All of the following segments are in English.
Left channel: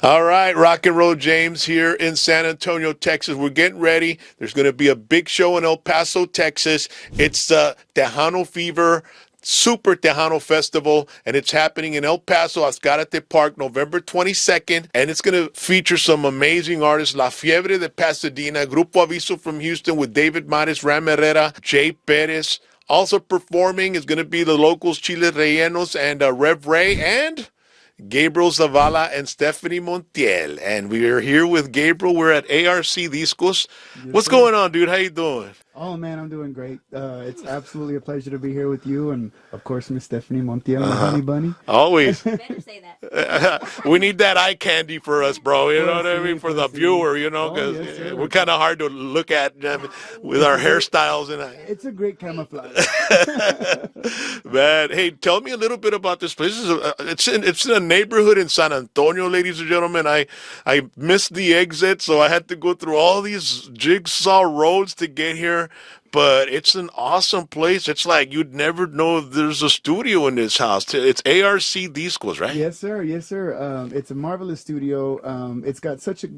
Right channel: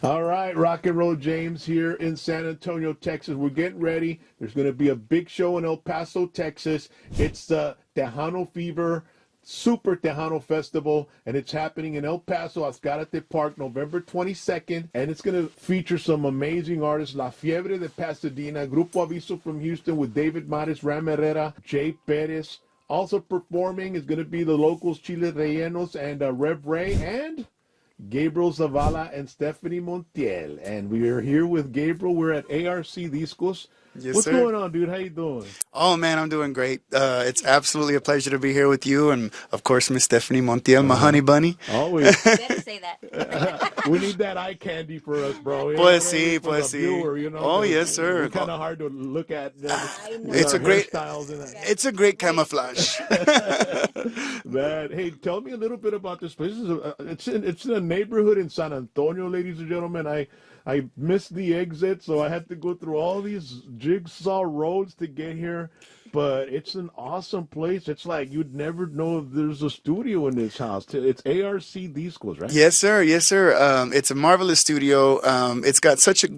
All right, Rock and Roll James here in San Antonio, Texas. We're getting ready. There's going to be a big show in El Paso, Texas. It's the Tejano Fever Super Tejano Festival, and it's happening in El Paso, Azcárate Park, November 22nd, and it's going to feature some amazing artists. La Fiebre de Pasadena, Grupo Aviso from Houston with David Mares, Ram Herrera, Jay Perez. Also performing is going to be the locals, Chile Rellenos and Rev Ray, and Gabriel Zavala and Stephanie Montiel. And we are here with Gabriel. We're at ARC Discos. Yes, What's sir. going on, dude? How you doing? Oh, man, I'm doing great. It's absolutely a pleasure to be here with you. And, of course, Miss Stephanie Montiel, my honey bunny. Always. Better say that. We need that eye candy for us, bro. You know what I mean? For the viewer, you know. Oh, yes, sir. We're kind of hard to look at with our hairstyles. It's a great camouflage. Man, hey, tell me a little bit about this place. It's in a neighborhood in San Antonio, ladies and gentlemen. I missed the exit, so I had to go through all these jigsaw roads to get here. But it's an awesome place. It's like you'd never know there's a studio in this house. It's ARC Discos, right? Yes, sir. Yes, sir. It's a marvelous studio. It's got such a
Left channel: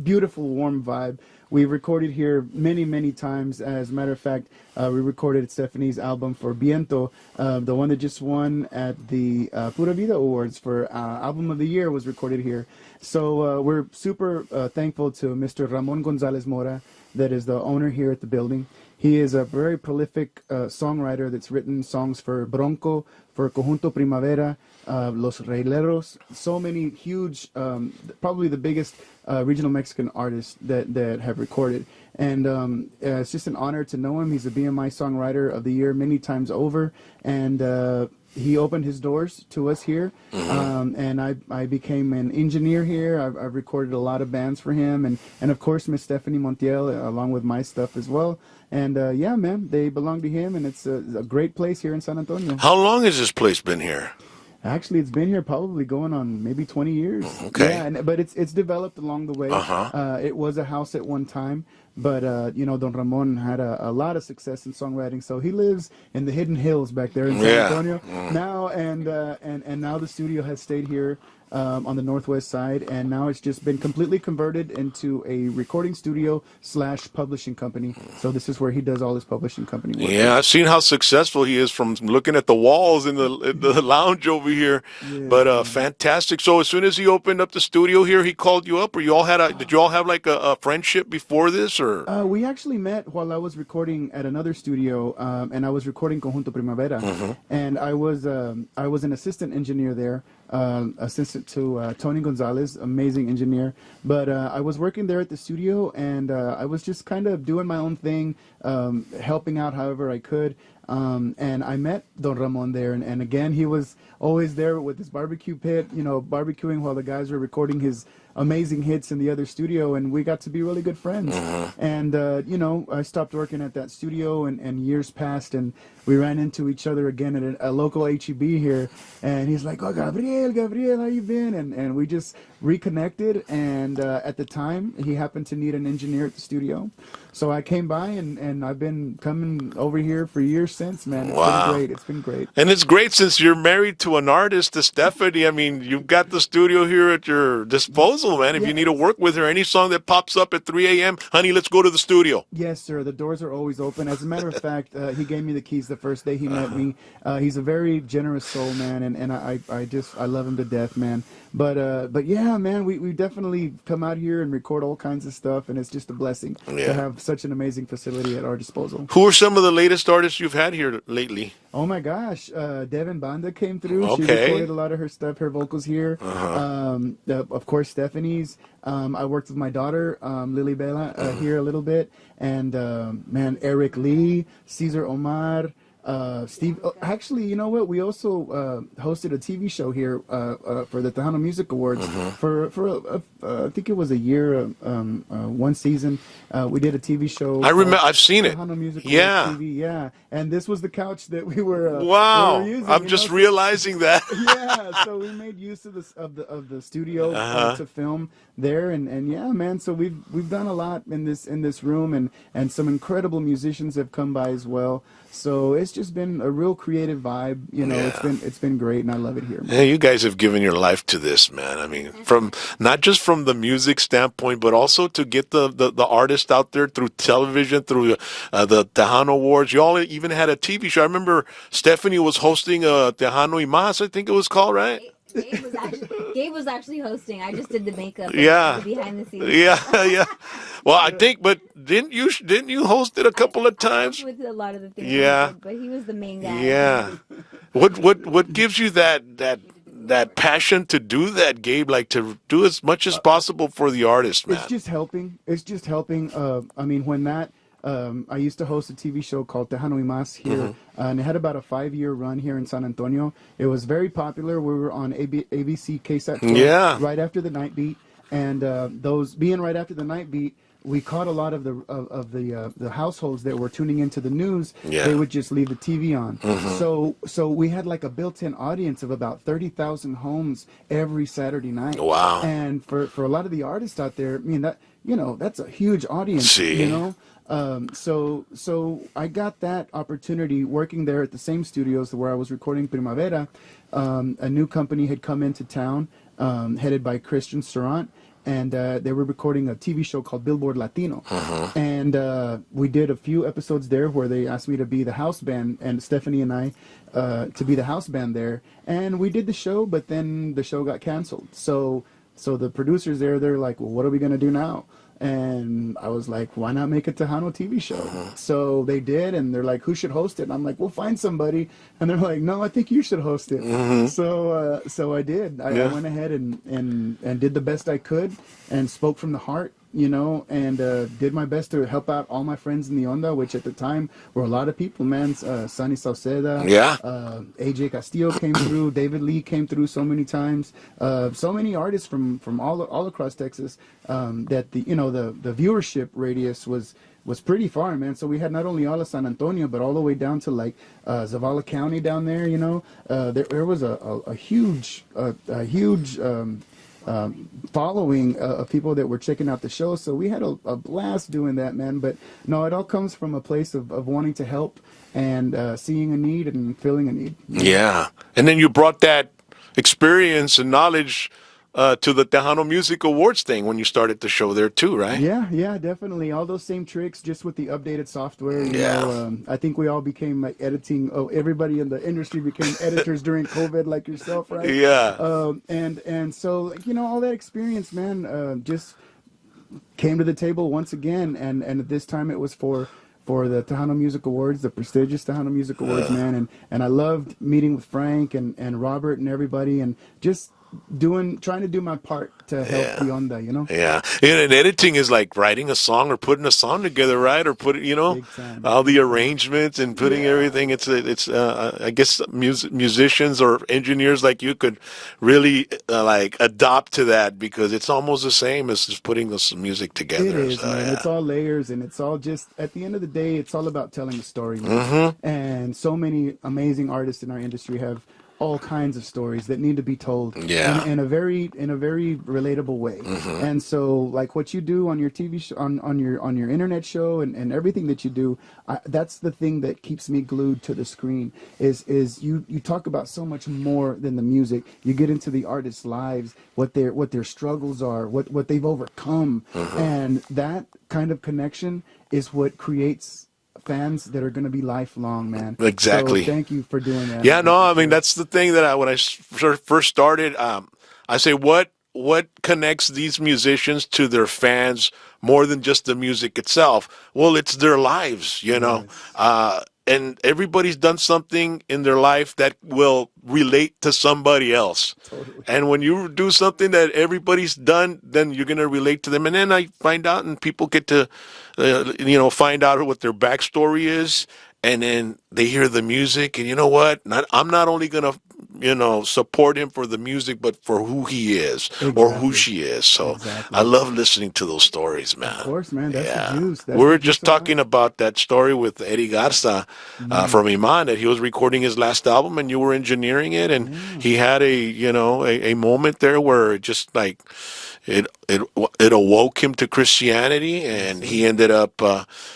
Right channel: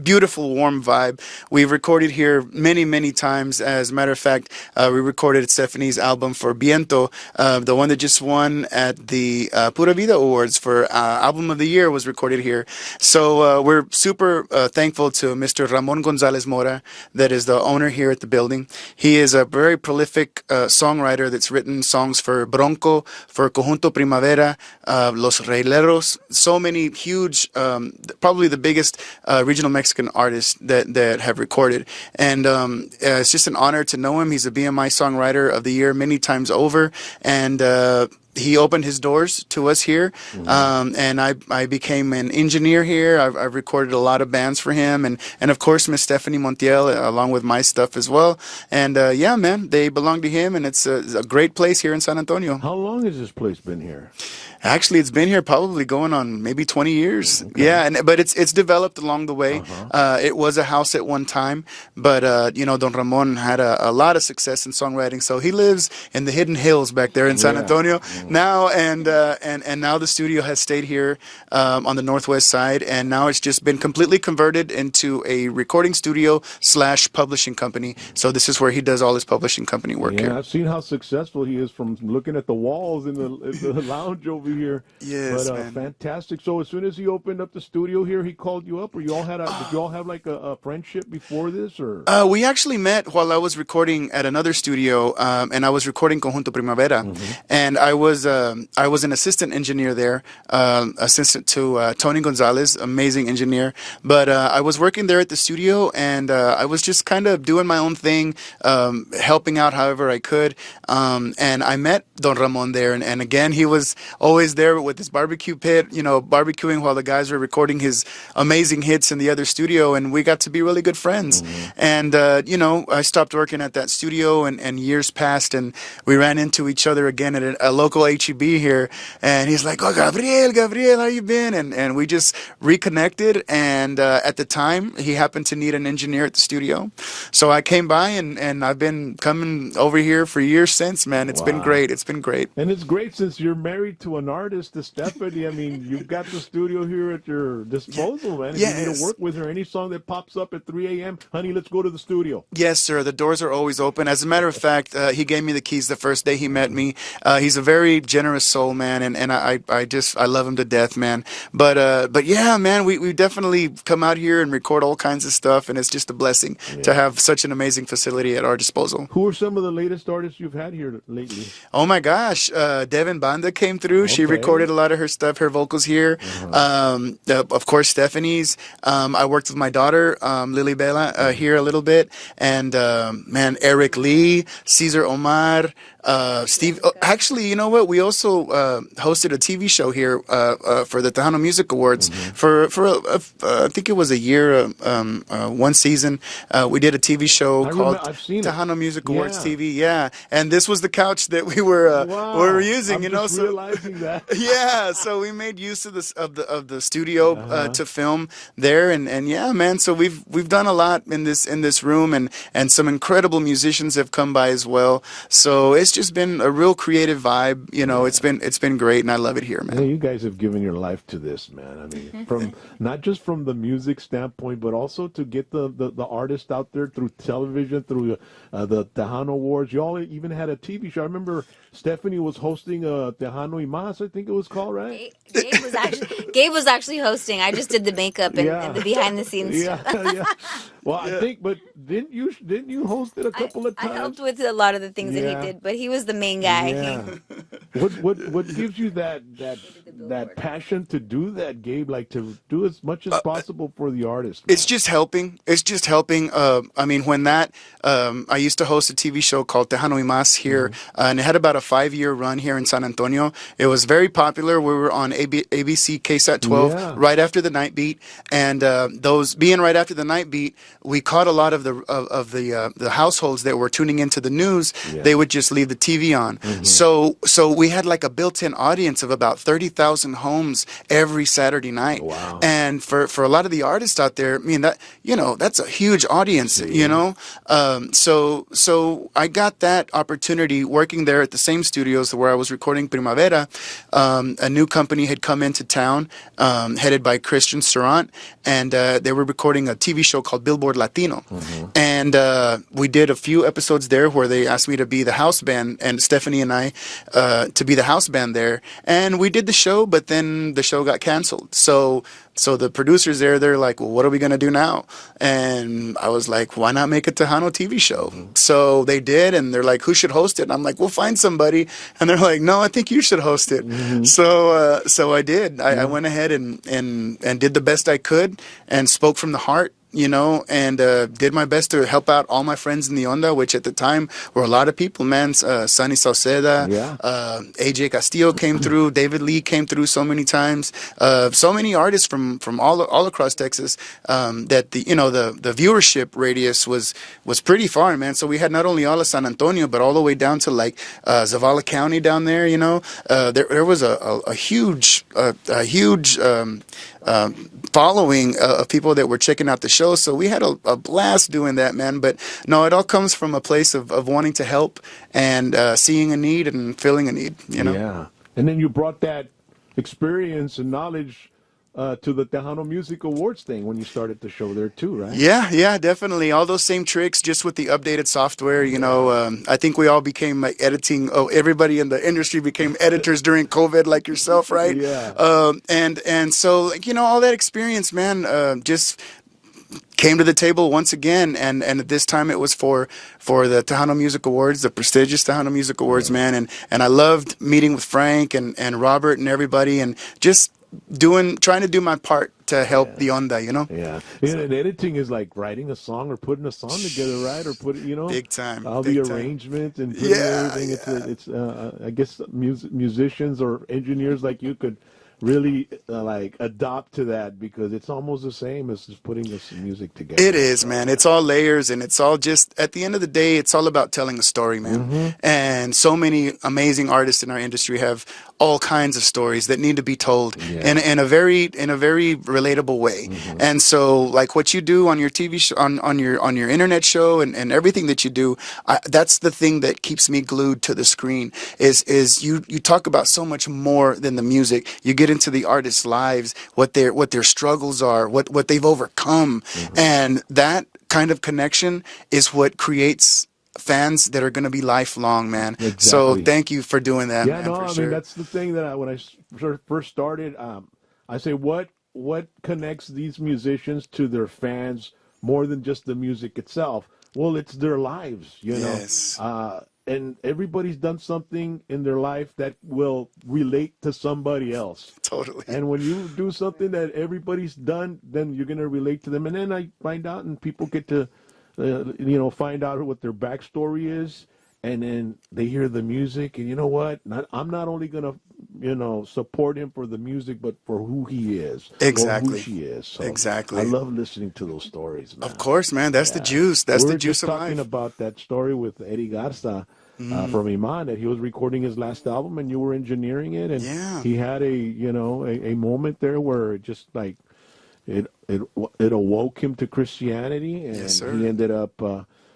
beautiful, warm vibe. We've recorded here many, many times. As a matter of fact, we recorded Stephanie's album for Viento, the one that just won at the Pura Vida Awards for Album of the Year was recorded here. So we're super thankful to Mr. Ramon Gonzalez Mora, that is the owner here at the building. He is a very prolific songwriter that's written songs for Bronco, for Conjunto Primavera, Los Reileros, so many huge, probably the biggest regional Mexican artists that have recorded. And it's just an honor to know him. He's a BMI Songwriter of the Year many times over. And he opened his doors to us here. And I became an engineer here. I've recorded a lot of bands for him. And of course, Miss Stephanie Montiel, along with my stuff as well. And yeah, man, they belong to him. And it's a great place here in San Antonio. How long has this place been here? Actually, it's been here probably going on maybe 20 years. Okay. Yeah, but it's developed along the way. It was a house at one time, but Don Ramon had a lot of success in songwriting. So he lives in the hidden hills back there in San Antonio now, and now the studio has stayed here on the northwest side, and now it's just been completely converted into a recording studio / publishing company. So this is where he does all his publishing company work. Yeah, I've seen how successful he is from looking at the walls in the lounge over here. Yes, but man. fantastic. So as soon as he opened up the studio here, he called you up, or you all had did you all have like a friendship before this, or? We actually met while I was recording at another studio, and I was recording Conjunto Primavera, and I was an assistant engineer there, assistant to Tony Gonzalez, amazing engineer. But I was working there at the studio, and I was just kind of doing my own thing, helping out however I could. And I met Don Ramon there, and again, he was always there with his barbecue pit, barbecuing while the guys were recording his amazing hits in the other studio, and we got to be really good friends. And I stopped working at that studio, and years passed, and we ran into each other again at a local HEB here, and he's like, "Oh, Gabriel, how you been?" And we just reconnected, and at the time, he happened to need an engineer at the studio, so I came by, and I've been coming over here for years since, man. It's been great. It's been great. And it's great since you're married to an artist, to Stephanie. I mean, you've got the studio here at your disposal, man. If you need to work with her, any song that pops up at 3 a.m., honey, let's go to the studio. Yes, sir. The doors are always open. As a matter of fact, he gave me the keys the first day he met me. He's a very generous soul, man, and I love him to death, man. But yeah, man, we definitely come out here and record all kinds of stuff, and it's just a blessing to have such an amazing facility at our disposal. Who are some of the latest artists you've had here lately? Oh my gosh, Devin Banda came through. She recorded a lot of her stuff, her vocals here. Of course, Stephanie's. I worked with my daughter, Lily Bella, here a little bit. And man, Eric Lee, Cesar Omar, Steve. Actually, you know what? We also hosted a TV show here for the Tejano Music Awards for I think it was a year, one season. We did a TV show. I remember. I've seen it. Tejano Music Awards TV. Yeah, and this was the couch that we were using. I'm just realizing that. Yeah, so we made use of the studio to film there, and yeah, man. So we've done a lot in this room, and some incredible musicians have come by as well. So it's just been a real creative vibe. You know, Yeah. it's been great, and I love it here, man. Hey, you guys have given your life to this, man. I mean, from not just from the music standpoint, but also to get the artist out there through television, through the Tejano Awards. You all even had a TV show. I remember Stephanie was hosting Tejano y Más, I think it was called, right? Gabe was actually hosting. I just did the makeup and, Yeah. and the behind the scenes. Yeah, yeah. Well, I think, but didn't you host it a couple of I times? helped with a lot of the things Yeah. that he did, but he was the main guy. Yeah. What gives you that passion to do that, Gabe? Like to do as much as possible for the artist, man. It's just helping. It's just helping. I mean, when that I used to host a TV show called Tejano y Más here, and it had about a 5-year run here in San Antonio. It was very popular. We were on ABC KSAT 12 right after the night beat, and those being right after the night beat, we caught a lot of the households that were tuning into the news. Yeah. They would just leave the TV on. So we had like a built-in audience of about 30,000 homes every Saturday night. Wow. And for a lot of the artists out there, I mean, that, you know, that's a huge audience. See. You know. So I got that opportunity working there at the same studios where I was recording Primavera. A new company had come into town, headed by Christian Serrant, and they were recording a TV show called Billboard Latino. And we did a few episodes there where they asked me to be the house band, and Stephanie and I to be the house band there. And we did the show, but then the show got canceled. So the producers there, they're like, well, what are we going to do now? And I was like, why not make a Tejano TV show? So they did, and they're like, who should host it? And I'm like, we'll find somebody. And they're like, no, I think you should host it. So I did. I went ahead and did the best I could and spoke from the heart. You know, and did my best to help out all my friends in the Onda, which at the time were a lot of people, man. Sunny Sauceda, AJ Castillo came through, David Lee came through so many times, so many artists from all across Texas, that the viewership radius was pretty far, man. So we had not only all of San Antonio, but all the way down to like Zavala County down there. You know, there was a huge following of people that were checking out the show. So we had a blast doing that, man. But no, it all comes from a place of wanting to help and seeing a need and filling a need. You know? Yeah. And then you brought that experience and knowledge to the Tejano Music Awards thing when you started the show there too, right? Yeah, definitely. All those same tricks, just with the updated software. You know, I think we all became like editing. Oh, everybody in the industry became editors during COVID, like yourself, right? Yeah. And so, like, you know, all that experience, man, just came to the table once again, and at this time it was for the Tejano Music Awards, the prestigious Tejano Music Awards, man. And I loved meeting with Frank and Robert and everybody, and just trying to do my part to help the Onda, you know? Yeah. And editing is like writing a song or putting a song together, right? Or Big time. all Big the time. arrangements and putting everything. It's I guess musicians or engineers like you could really like adopt to that, because it's almost the same as just putting this music together. It is, man. It's all layers, and it's all just, at the end of the day, it's all about telling a story, man. And so many amazing artists in our industry have all kinds of stories that need to be told in a very relatable way. And so, like what you do on your TV show, on your internet show, and everything that you do, that's the thing that keeps me glued to the screen. Is you talk about so much more than the music. You get into the artists' lives, what their struggles are, what they've overcome, and that kind of connection is what creates fans that are going to be lifelong, man. Exactly. So thank you for doing that. Yeah, man, no, for I mean, sure. that's the thing that when I first started, I say, what connects these musicians to their fans more than just the music itself? Well, it's their lives, you know. Yes. And everybody's done something in their life that will relate to somebody else. Totally. And when you do something that everybody's done, then you're going to relate to them. And then I find out, and people get to, find out what their backstory is. And then they hear the music, and you know what? I'm not only going to, support him for the music, but for who he is or who she is. So I love listening to those stories, man. Of course, man. That's the juice. That's we were the juice just of talking life. about that story with Eddie Garza from Iman, that he was recording his last album and you were engineering it, and he had a moment there where it just like it awoke him to Christianity, and he ended up,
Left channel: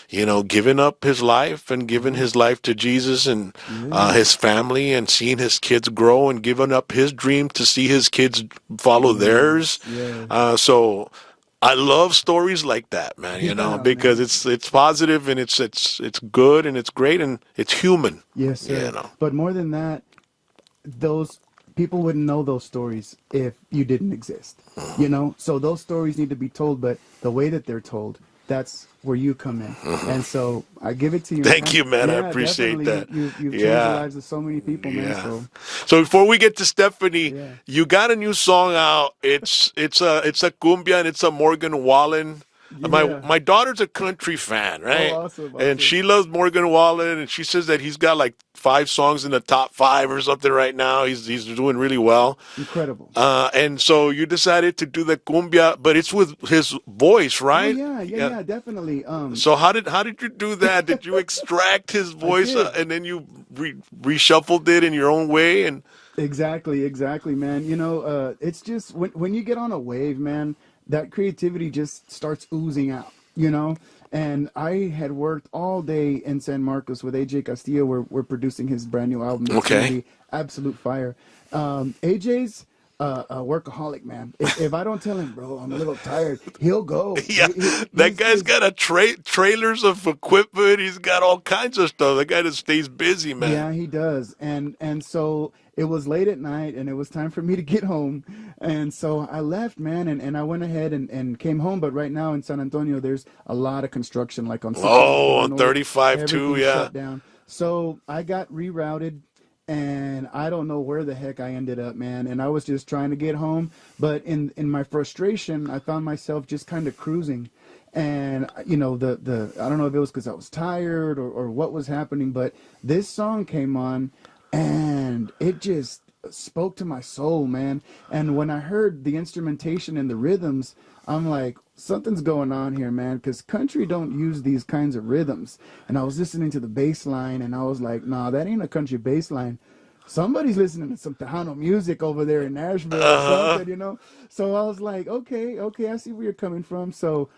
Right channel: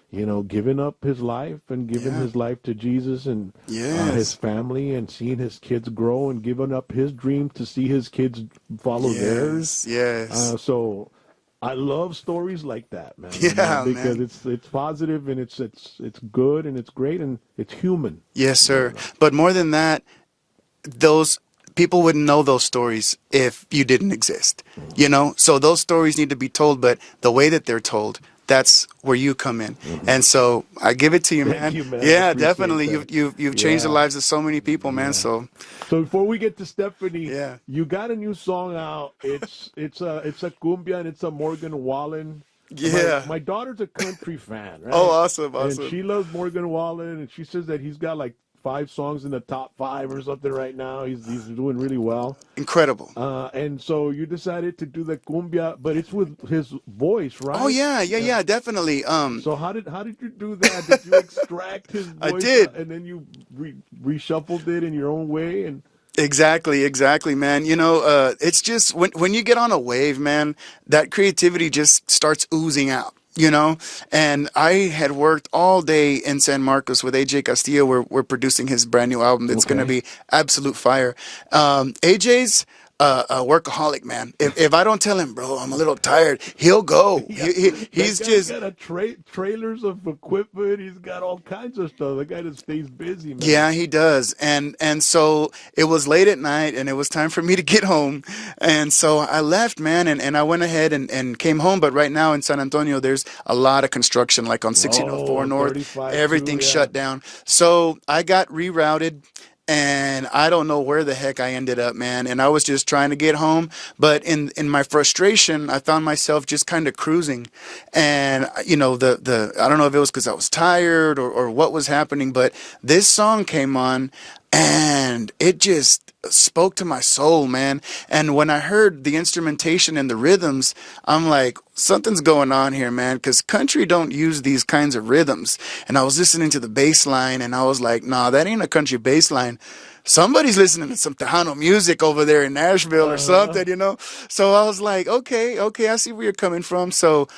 giving up his life and giving his life to Jesus and his family, and seeing his kids grow, and giving up his dream to see his kids follow theirs. Yes. So I love stories like that, man. Because it's positive, and it's good, and it's great, and it's human. Yes, sir. But more than that, those people wouldn't know those stories if you didn't exist. So those stories need to be told, but the way that they're told, that's where you come in. And so I give it to you, man. Thank you, man. I Yeah, appreciate definitely. that. You've changed the lives of so many people, man. So before we get to Stephanie, you got a new song out. It's a cumbia, and it's a Morgan Wallen. My daughter's a country fan, right? Oh, awesome. And she loves Morgan Wallen, and she says that he's got like 5 songs in the top 5 or something right now. He's doing really well. Incredible. And so you decided to do the cumbia, but it's with his voice, right? Oh yeah, definitely. So how did you do that? Did you extract his voice and then you reshuffled it in your own way? And Exactly, man. It's just when you get on a wave, man, that creativity just starts oozing out. And I had worked all day in San Marcos with AJ Castillo. We're producing his brand new album that's going to be absolute fire. AJ's a workaholic, man. If I don't tell him, bro, I'm a little tired, he'll go. That guy's got trailers of equipment. He's got all kinds of stuff. The guy that stays busy, man. Yeah, he does. And so it was late at night, and it was time for me to get home. And so I left, man, and I went ahead and came home. But right now in San Antonio, there's a lot of construction, like on 1604 North. 35 everything's shut down. So I got rerouted. And I don't know where the heck I ended up, man. And I was just trying to get home. But in my frustration, I found myself just kind of cruising. And, I don't know if it was because I was tired or what was happening, but this song came on and it just spoke to my soul, man. And when I heard the instrumentation and the rhythms, I'm like, something's going on here, man, because country don't use these kinds of rhythms. And I was listening to the bass line, and I was like, nah, that ain't a country bass line. Somebody's listening to some Tejano music over there in Nashville or something, So I was like, okay, I see where you're coming from. So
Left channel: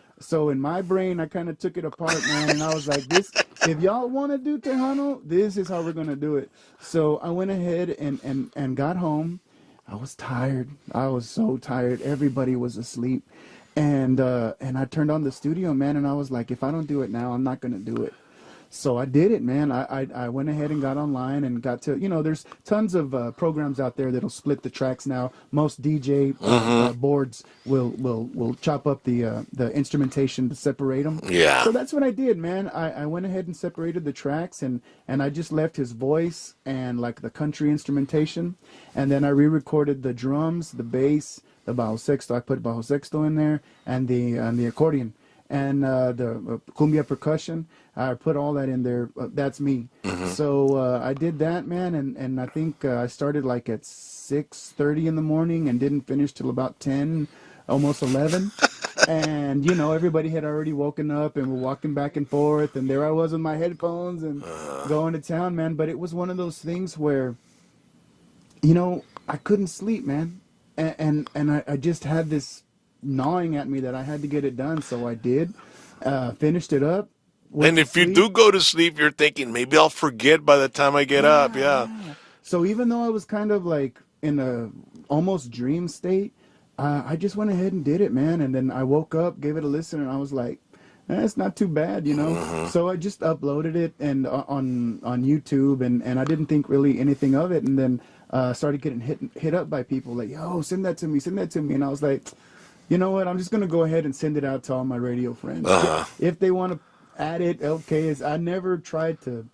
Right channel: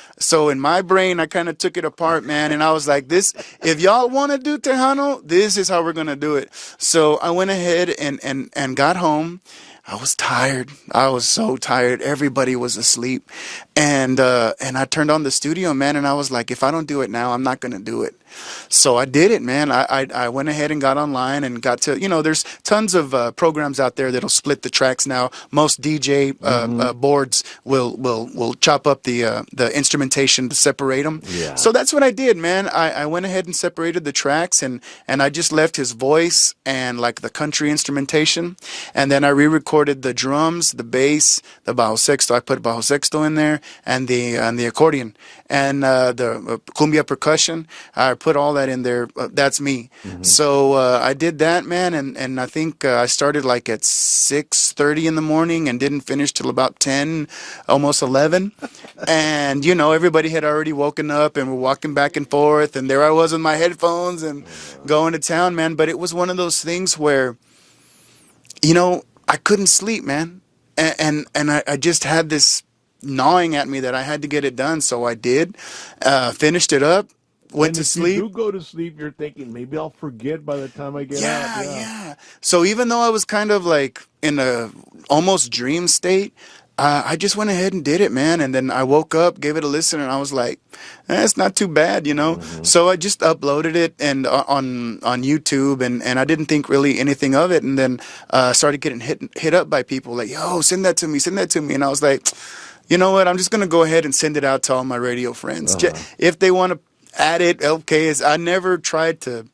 in my brain, I kind of took it apart, man. And I was like, if y'all want to do Tejano, this is how we're going to do it. So I went ahead and got home. I was tired. I was so tired. Everybody was asleep. And I turned on the studio, man. And I was like, if I don't do it now, I'm not going to do it. So I did it, man. I went ahead and got online and got to, there's tons of programs out there that'll split the tracks now. Most DJ boards will chop up the instrumentation to separate them. Yeah. So that's what I did, man. I went ahead and separated the tracks, and I just left his voice and like the country instrumentation. And then I re-recorded the drums, the bass, the bajo sexto. I put bajo sexto in there, and the accordion. And the cumbia percussion, I put all that in there. That's me. So I did that, man, and I think I started like at 6:30 in the morning and didn't finish till about 10, almost 11. And everybody had already woken up and were walking back and forth, and there I was with my headphones and going to town, man. But it was one of those things where, I couldn't sleep, man, and I just had this gnawing at me that I had to get it done. So I did, finished it up, went to sleep. You do go to sleep, you're thinking, maybe I'll forget by the time I get up. Yeah. So even though I was kind of like in a almost dream state, I just went ahead and did it, man. And then I woke up, gave it a listen, and I was like, it's not too bad, So I just uploaded it and on YouTube, and I didn't think really anything of it. And then started getting hit up by people like, yo, send that to me. And I was like, you know what? I'm just going to go ahead and send it out to all my radio friends. If they want to add it, okay. I never tried to,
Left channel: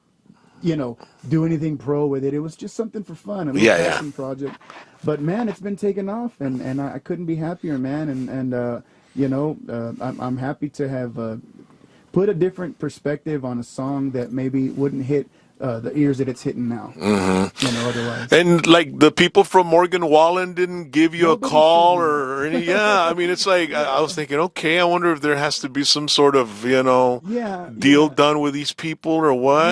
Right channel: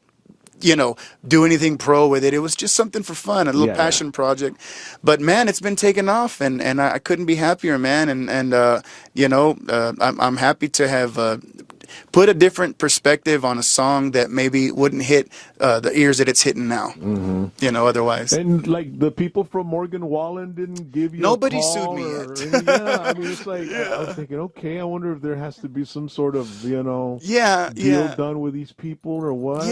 do anything pro with it. It was just something for fun, a little passion project. But, man, it's been taken off, and I couldn't be happier, man. And I'm happy to have put a different perspective on a song that maybe wouldn't hit the ears that it's hitting now. You know, otherwise. And like the people from Morgan Wallen didn't give you Nobody a call sued me or yet. any, yeah. I mean, it's like I was thinking, okay, I wonder if there has to be some sort of deal done with these people or what.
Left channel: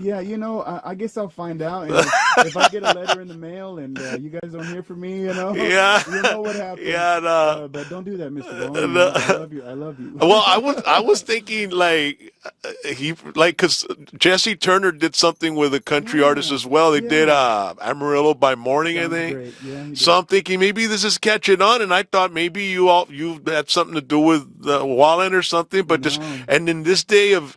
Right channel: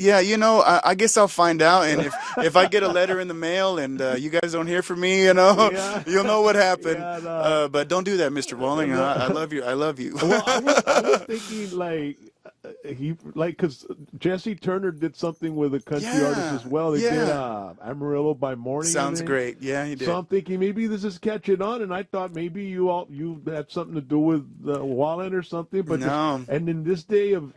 You know, I guess I'll find out, and if I get a letter in the mail and you guys don't hear from me, you know, you'll know what happened. Yeah, no. But don't do that, Mr. Wallen. You know, I love you. I love you. Well, I was thinking like because Jesse Turner did something with a country artist as well. They did Amarillo by Morning. Sounds I think. great. Yeah, he did. So I'm thinking maybe this is catching on, and I thought maybe you had something to do with Wallen or something. But and in this day of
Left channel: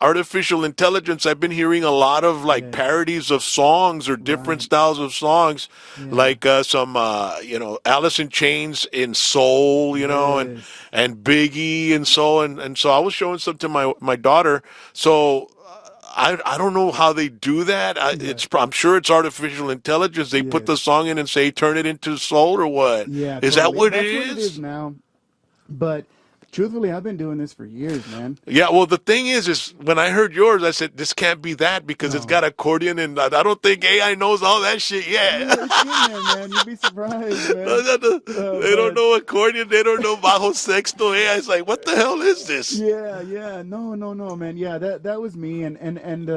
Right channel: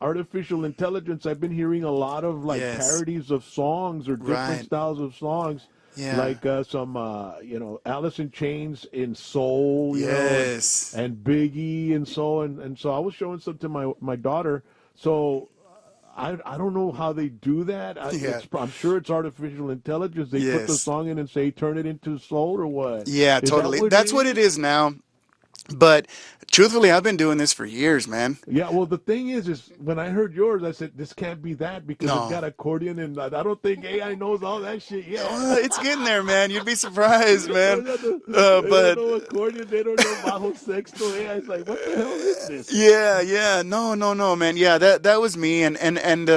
artificial intelligence, I've been hearing a lot of like parodies of songs or different styles of songs, like some Alice in Chains in soul, you know, and Biggie and soul, and so I was showing some to my daughter. So I don't know how they do that. I'm sure it's artificial intelligence. They put the song in and say turn it into soul or what? Yeah, is totally. that what That's what it is now. But truthfully, I've been doing this for years, man. Yeah, well, the thing is when I heard yours, I said, this can't be that because it's got accordion, and I don't think AI knows all that shit yet. It's getting there, man. You'd be surprised, man. They don't know accordion. They don't know bajo sexto. AI is like, what the hell is this? Yeah. No, man. Yeah, that was me. And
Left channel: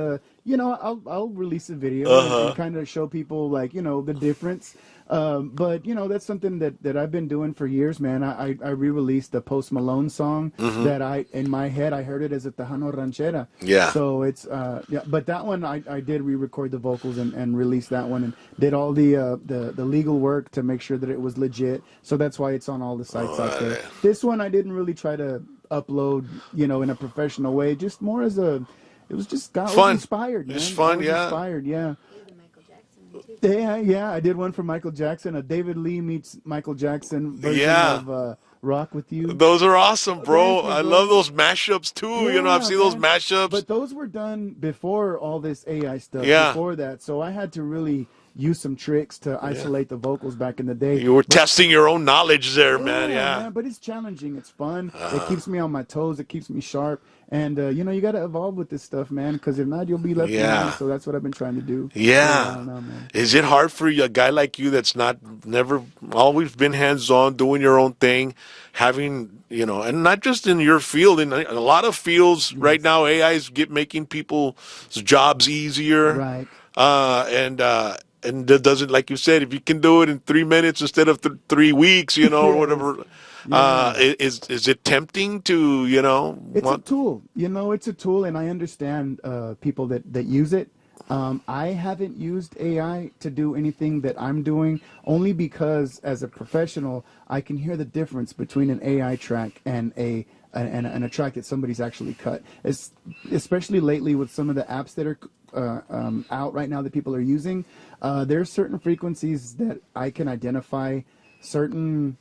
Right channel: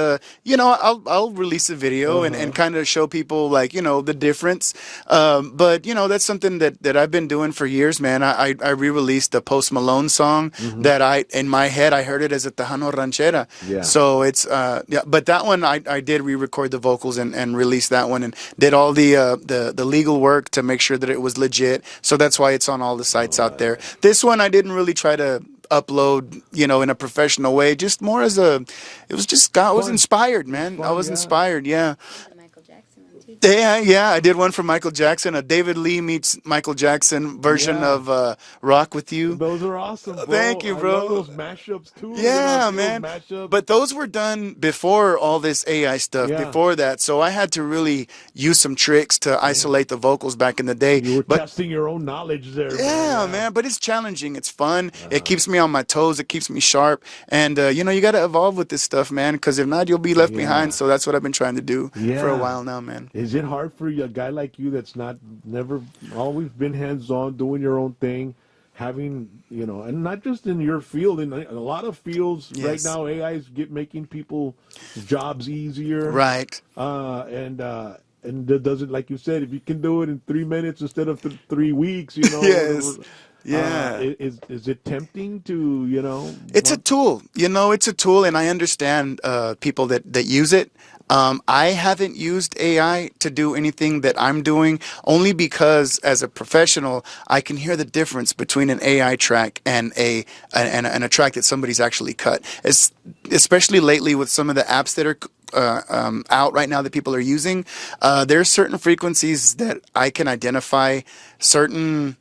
you know, I'll release a video and kind of show people, like, you know, the difference. But, you know, that's something that I've been doing for years, man. I re-released the Post Malone song that in my head, I heard it as a Tejano ranchera. Yeah. So it's, but that one I did re-record the vocals and release that one and did all the legal work to make sure that it was legit. So that's why it's on all the sites out there. This one, I didn't really try to upload, you know, in a professional way, just more as it was just, God, I was inspired, man. I was inspired. Yeah. Yeah, I did one for Michael Jackson, a David Lee meets Michael Jackson version of Rock With You. Those are awesome, bro. Thank you, bro. I love those mashups, too. Yeah, you know, I've seen man. those mashups. But those were done before all this AI stuff, before that. So I had to really use some tricks to isolate the vocals back in the day. You were testing your own knowledge there, man. Yeah, man. But it's challenging. It's fun. It keeps me on my toes. It keeps me sharp. And, you know, you got to evolve with this stuff, man, because if not, you'll be left behind. So that's what I've been trying to do for a while now, man. Is it hard for a guy like you that's never always been hands-on, doing your own thing, having, you know, and not just in your field, in a lot of fields right now, AI is making people's jobs easier. Right. And that doesn't, like you said, if you can do it in 3 minutes instead of 3 weeks, you know, whatever. Is it tempting to, you know? It's a tool, you know, it's a tool, and I understand people that use it. I haven't used AI to do anything that I'm doing, only because as a professional, I can hear the difference between an AI track and a track that somebody's actually cut. Especially lately with some of the apps that are out right now that people are using, there are certain frequencies that I can identify, certain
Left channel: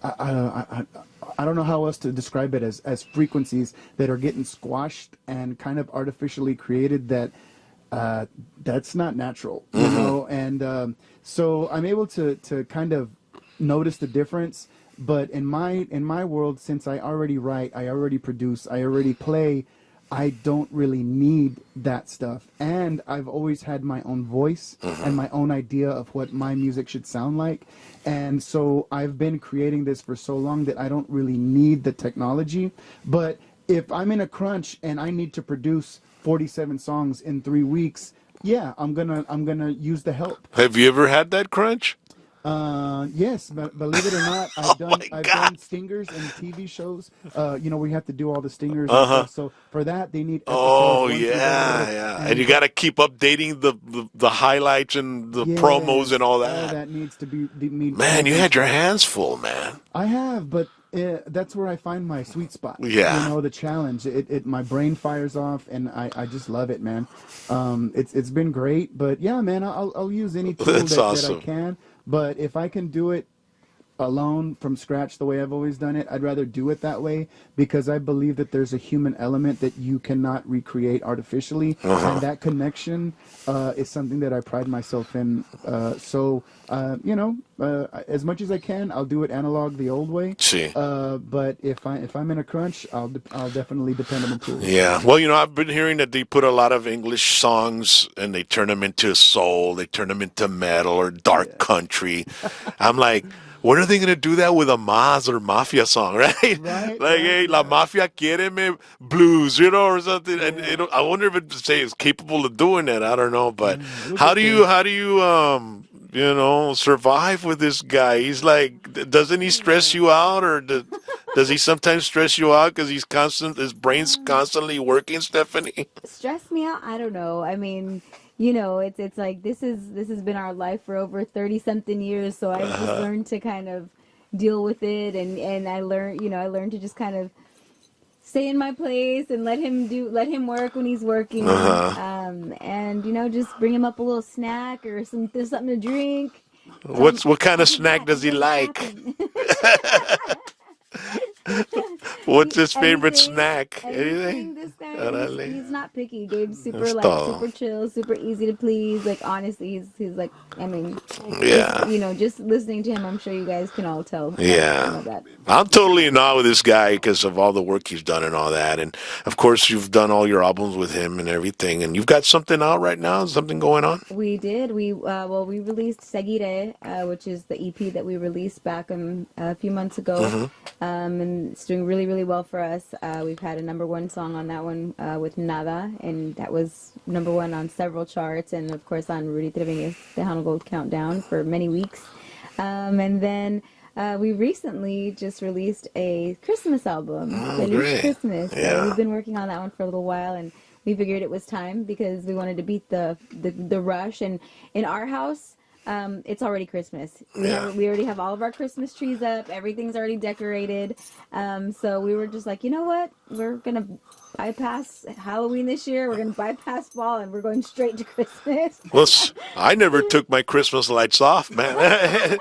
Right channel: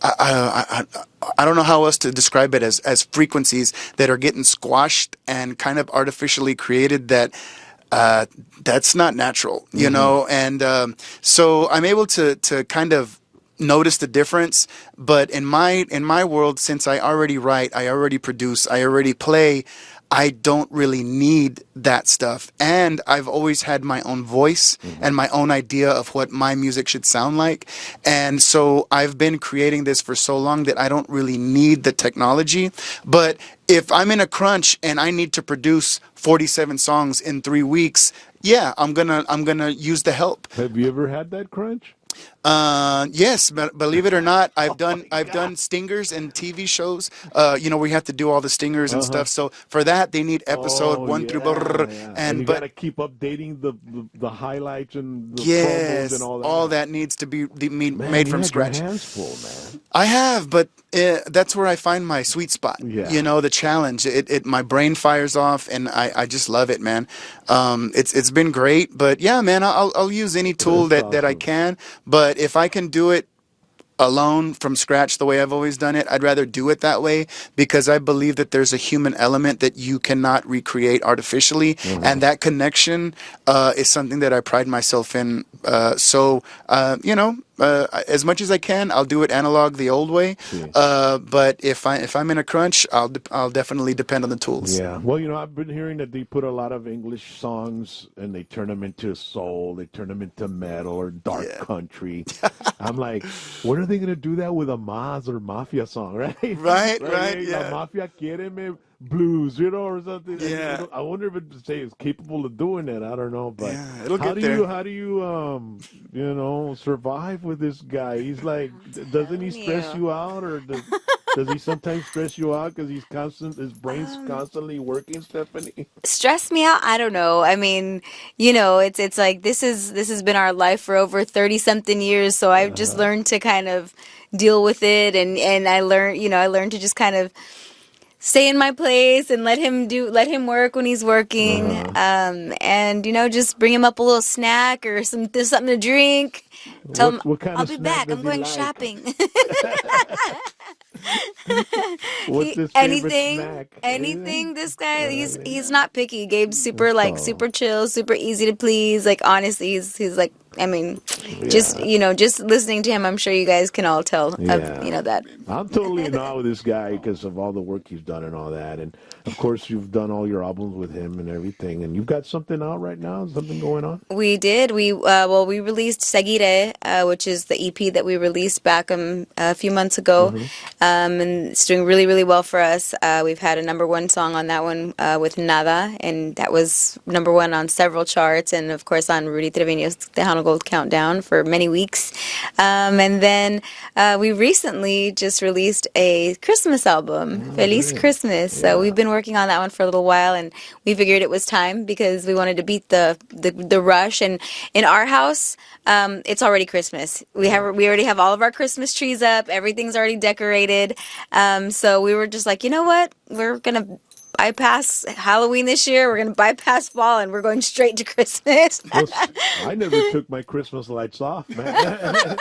I don't know how else to describe it as frequencies that are getting squashed and kind of artificially created that that's not natural, you know? And so I'm able to kind of notice the difference. But in my world, since I already write, I already produce, I already play, I don't really need that stuff. And I've always had my own voice and my own idea of what my music should sound like. And so I've been creating this for so long that I don't really need the technology. But if I'm in a crunch and I need to produce 47 songs in 3 weeks, yeah, I'm gonna use the help. Have you ever had that crunch? Yes, but believe it or not, I've done stingers and TV shows. You know, we have to do all the stingers and stuff. So for that, they need episode 1 through. And you got to keep updating the highlights and the promos and all that. All that needs to be made. Man, you had your hands full, man. I have, but that's where I find my sweet spot. Yeah. You know, the challenge. My brain fires off, and I just love it, man. It's been great, but yeah, man, I'll use any tool that I can. But if I can do it alone from scratch the way I've always done it, I'd rather do it that way, because I believe that there's a human element that you cannot recreate artificially, and that connection is something that I pride myself in. So you know, as much as I can, I'll do it analog the old way. Sí. But if I'm in a crunch, I'll definitely depend on the tools. Yeah. Well, I've been hearing that they put a lot of English songs and they turn them into soul, they turn them into metal or dark country. I'm like, when are they going to do that with a Maz or Mafia song, right? Right, Like, hey, La Mafia quiere me blues, or something. And I wonder if it's capable of doing that. I don't know, but how do you survive with this guy? He's like, doesn't he stress you out, or does he sometimes stress you out because his brain's constantly working, Stephanie? Stress me out? I don't know. I mean, it's like this has been our life for over 30 something years, so I've just learned to kind of deal with it, and I learned to just kind of stay in my place and let him work when he's working, and just bring him up a little snack or something to drink. What kind of snack does he like? Shopping. What's his favorite snack? Anything. This guy, he's not picky. Gabe's super super chill, super easy to please. Like honestly, he's like, I mean, just listening to him, I'm sure you guys can all tell. That. I'm totally in awe with this guy because of all the work he's done and all that. And of course, you've done all your albums with him and everything. And you've got something out right now, something going on? We did. We released Seguire, which is the EP that we released back a few months ago. And it's doing really, really well for us. We've had a #1 song on that one with Nada, and that was #1 on several charts, and of course on Rudy Trevino's Tejano Gold Countdown for many weeks. And then we recently just released a Christmas album, Feliz Christmas. Yeah. So we've been working on that one for a little while, and we figured it was time because we wanted to beat the rush. And in our house, it's already Christmas. We already have all of our Christmas trees up. Everything's already decorated. So we were just like, you know what? We're gonna bypass Halloween this year. We're gonna bypass fall, and we're going straight to Christmas. Well, I never took my Christmas lights off, man.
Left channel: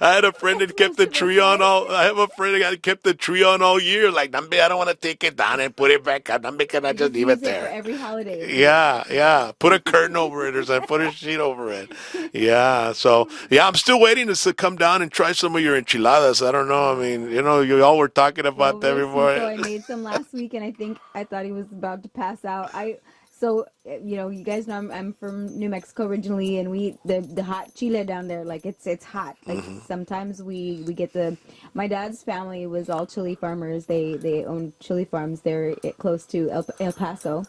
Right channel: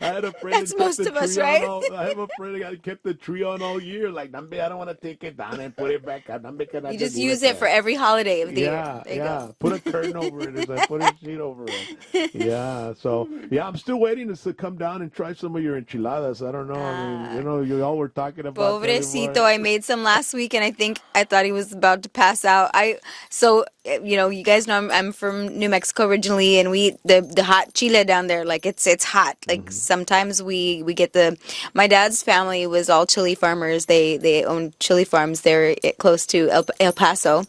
I had a friend that kept the tree on all. I have a friend that kept the tree on all year. Like, I don't want to take it down and put it back up. Can I just use it there? for every holiday. Yeah. Put a curtain over it or something. Put a sheet over it. Yeah. So I'm still waiting to come down and try some of your enchiladas. I don't know. I mean, you all were talking about that before. I made some last week, and I thought he was about to pass out. You guys know I'm from New Mexico originally, and we the hot chile down there, like it's hot. Like sometimes we get my dad's family was all chili farmers. They own chili farms there close to El Paso.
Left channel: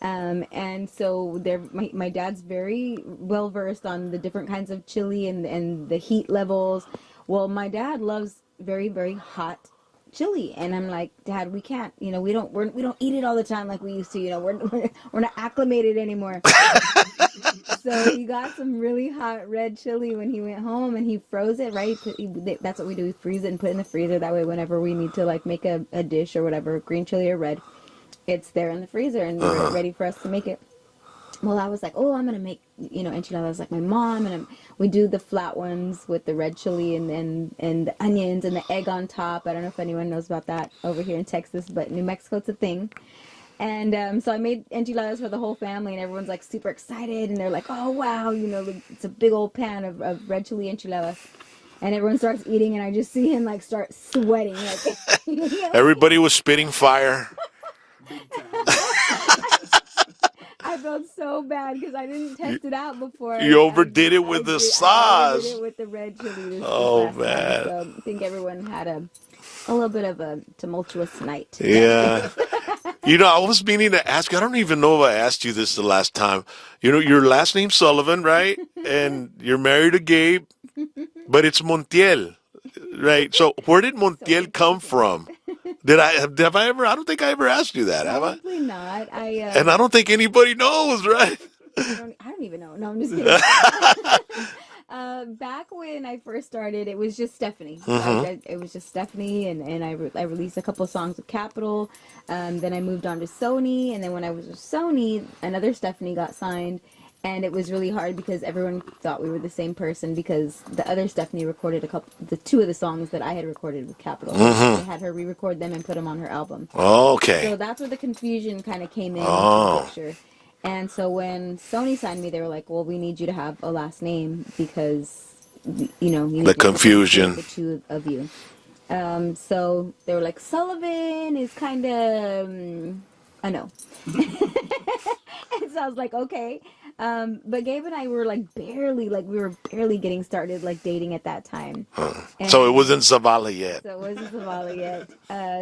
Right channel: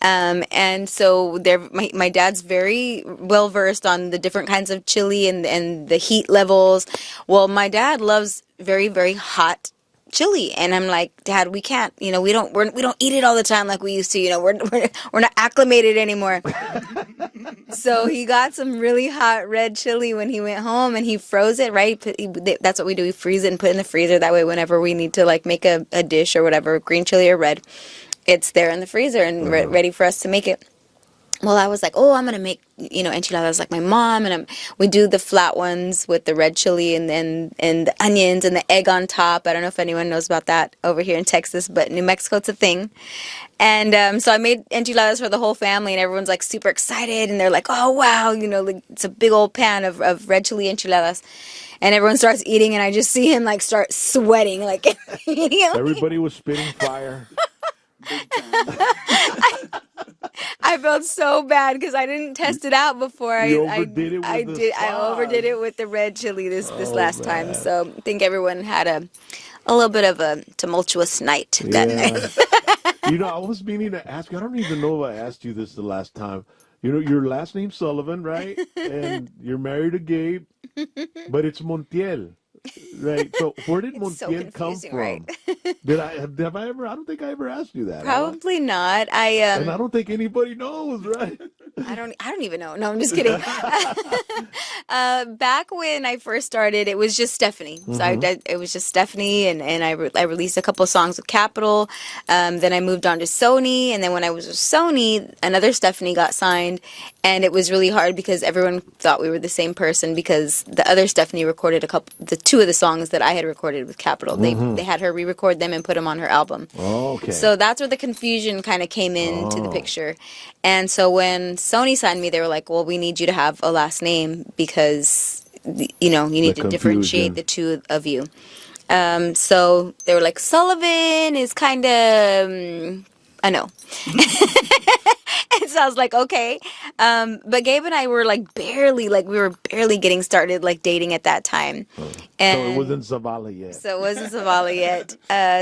And so my dad's very well versed on the different kinds of chili and the heat levels. Well, my dad loves very, very hot chili, and I'm like, Dad, we can't, we don't eat it all the time like we used to, we're not acclimated anymore. So he got some really hot red chili when he went home, and he froze it, right? That's what we do. We freeze it and put it in the freezer. That way, whenever we need to like make a dish or whatever, green chili or red, it's there in the freezer and ready for us to make it. Well, I was like, I'm going to make, enchiladas like my mom. And we do the flat ones with the red chili and the onions and the egg on top. I don't know if anyone knows about that over here in Texas, but New Mexico, it's a thing. And so I made enchiladas for the whole family, and everyone's like super excited. And they're like, oh, wow, like, it's a big old pan of red chili enchiladas. And everyone starts eating, and I just see him like start sweating. Like Everybody was spitting fire. I felt so bad because I didn't test it out before. You overdid it with the sauce. I overdid it with the red chili this last time. So I think everyone had a little bit of a tumultuous night that night. I was meaning to ask you. I don't even know if I asked you this the last time. Your last name's Sullivan, right? And you're married to Gabe, but it's Montiel. Right. So where did Montiel come from? Right? Have I ever? I don't think I ever asked you that. Probably not. And I don't think anybody knows, right? I don't even know. No, I'm just kidding. Back when I first started, it was just Stefani. So it was just Stefani, and I released a couple songs with Capitol. Then I moved on to Sony, and then when I was with Sony, another Stefani got signed, and it was really hard because everyone thought we were the same person because the other Stefani recorded two of the songs that I had recorded with Capitol. They had her re-record them and put them on her album. Oh, okay. So that's where the confusion kind of came into the picture. And so when Sony signed me, they were like, well, we need you to have a last name because, you know, you need The to confusion. differentiate the two of you. So they were like, Sullivan is kind of, I know. And so I was like, okay. But Gabe and I were we were barely getting started, like dating at that time. So it And- wasn't Zavala yet. So it wasn't Zavala yet.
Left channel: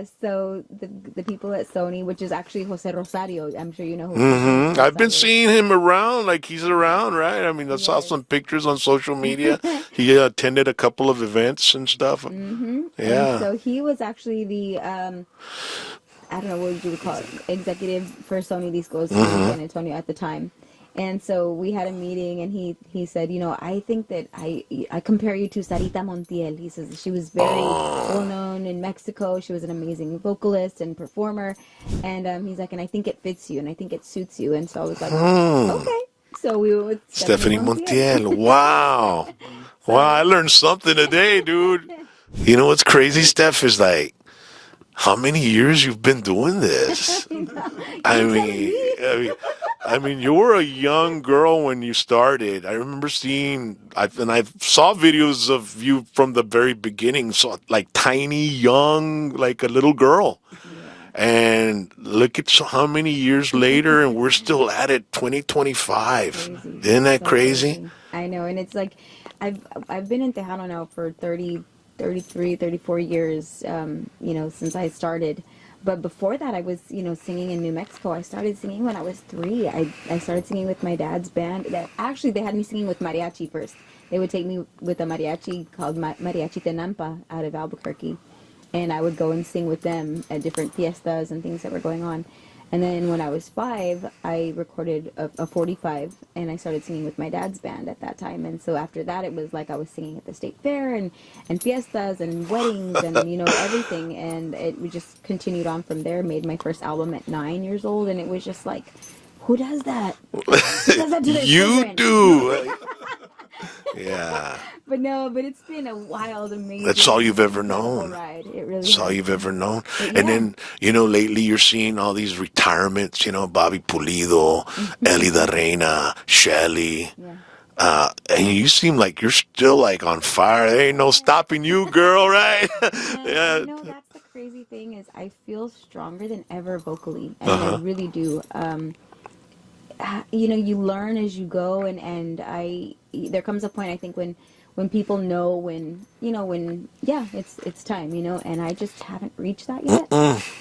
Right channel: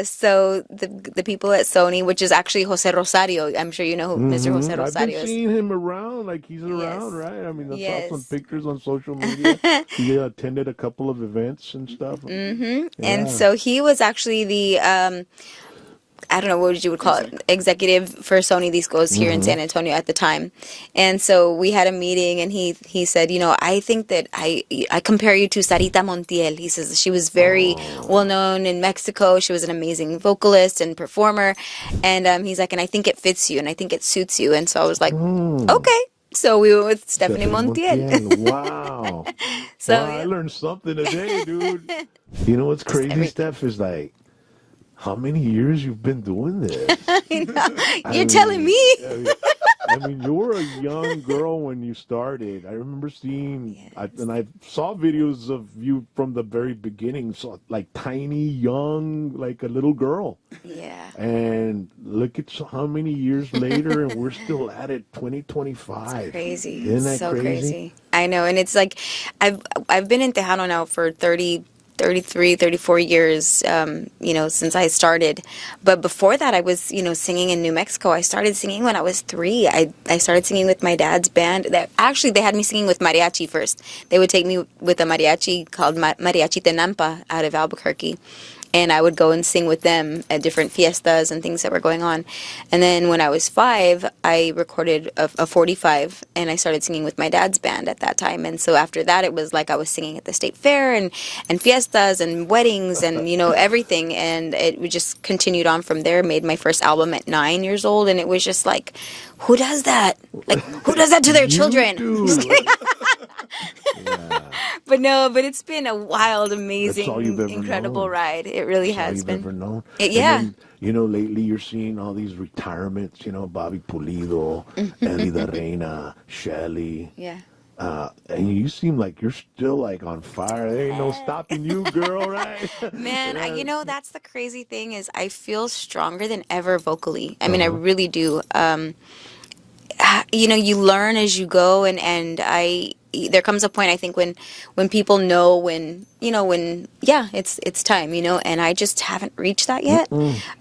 So the people at Sony, which is actually Jose Rosario, I'm sure you know who Mr. Jose Rosario I've been is. seeing him around, like he's around, right? I mean, I saw some Yes. pictures on social media. He attended a couple of events and stuff. Yeah. And so he was actually the I don't know what you would call it, executive for Sony Discos here in San Antonio at the time. And so we had a meeting, and he said, you know, I think that I compare you to Sarita Montiel. He says she was very well known in Mexico. She was an amazing vocalist and performer. And he's like, and I think it fits you, and I think it suits you. And so I was like, okay. So we went with Stephanie Montiel. Wow. So- Wow, I learned something today, dude. You know what's crazy, Steph, is like, how many years you've been doing this? You're telling me. I mean, you were a young girl when you started. I remember I saw videos of you from the very beginning, so like tiny, young, like a little girl. Yeah. And look at how many years later, and we're still at it, 2025. Crazy. Isn't that So crazy? I know. And it's like, I've been in Tejano now for 33, 34 years, you know, since I started. But before that, I was, you know, singing in New Mexico. I started singing when I was 3. I started singing with my dad's band. They had me singing with mariachi first. They would take me with a mariachi called Mariachi Tenampa out of Albuquerque. And I would go and sing with them at different fiestas and things that were going on. And then when I was 5, I recorded a 45, and I started singing with my dad's band at that time. And so after that, it was like I was singing at the state fair and fiestas and weddings and, you know, everything. And it just continued on from there. Made my first album at 9 years old, and it was just like, who does that? Like, who does that to their children? You do. Yeah. But it's been a wild, amazing, That's all you've ever incredible known. ride. It really That's has all you've been. ever known. Yeah. And then, you know, lately you're seeing all these retirements, you know, Bobby Pulido, Ellie the Reina, Shelly. Yeah. And you seem like you're still like on fire. There ain't no stopping you, girl, right? Man, Yeah. you know, that's the crazy thing is I feel stronger than ever vocally. I mean, I really do. You know, you learn as you go, and there comes a point, I think, when people know when it's time, you know, and I just haven't reached that yet.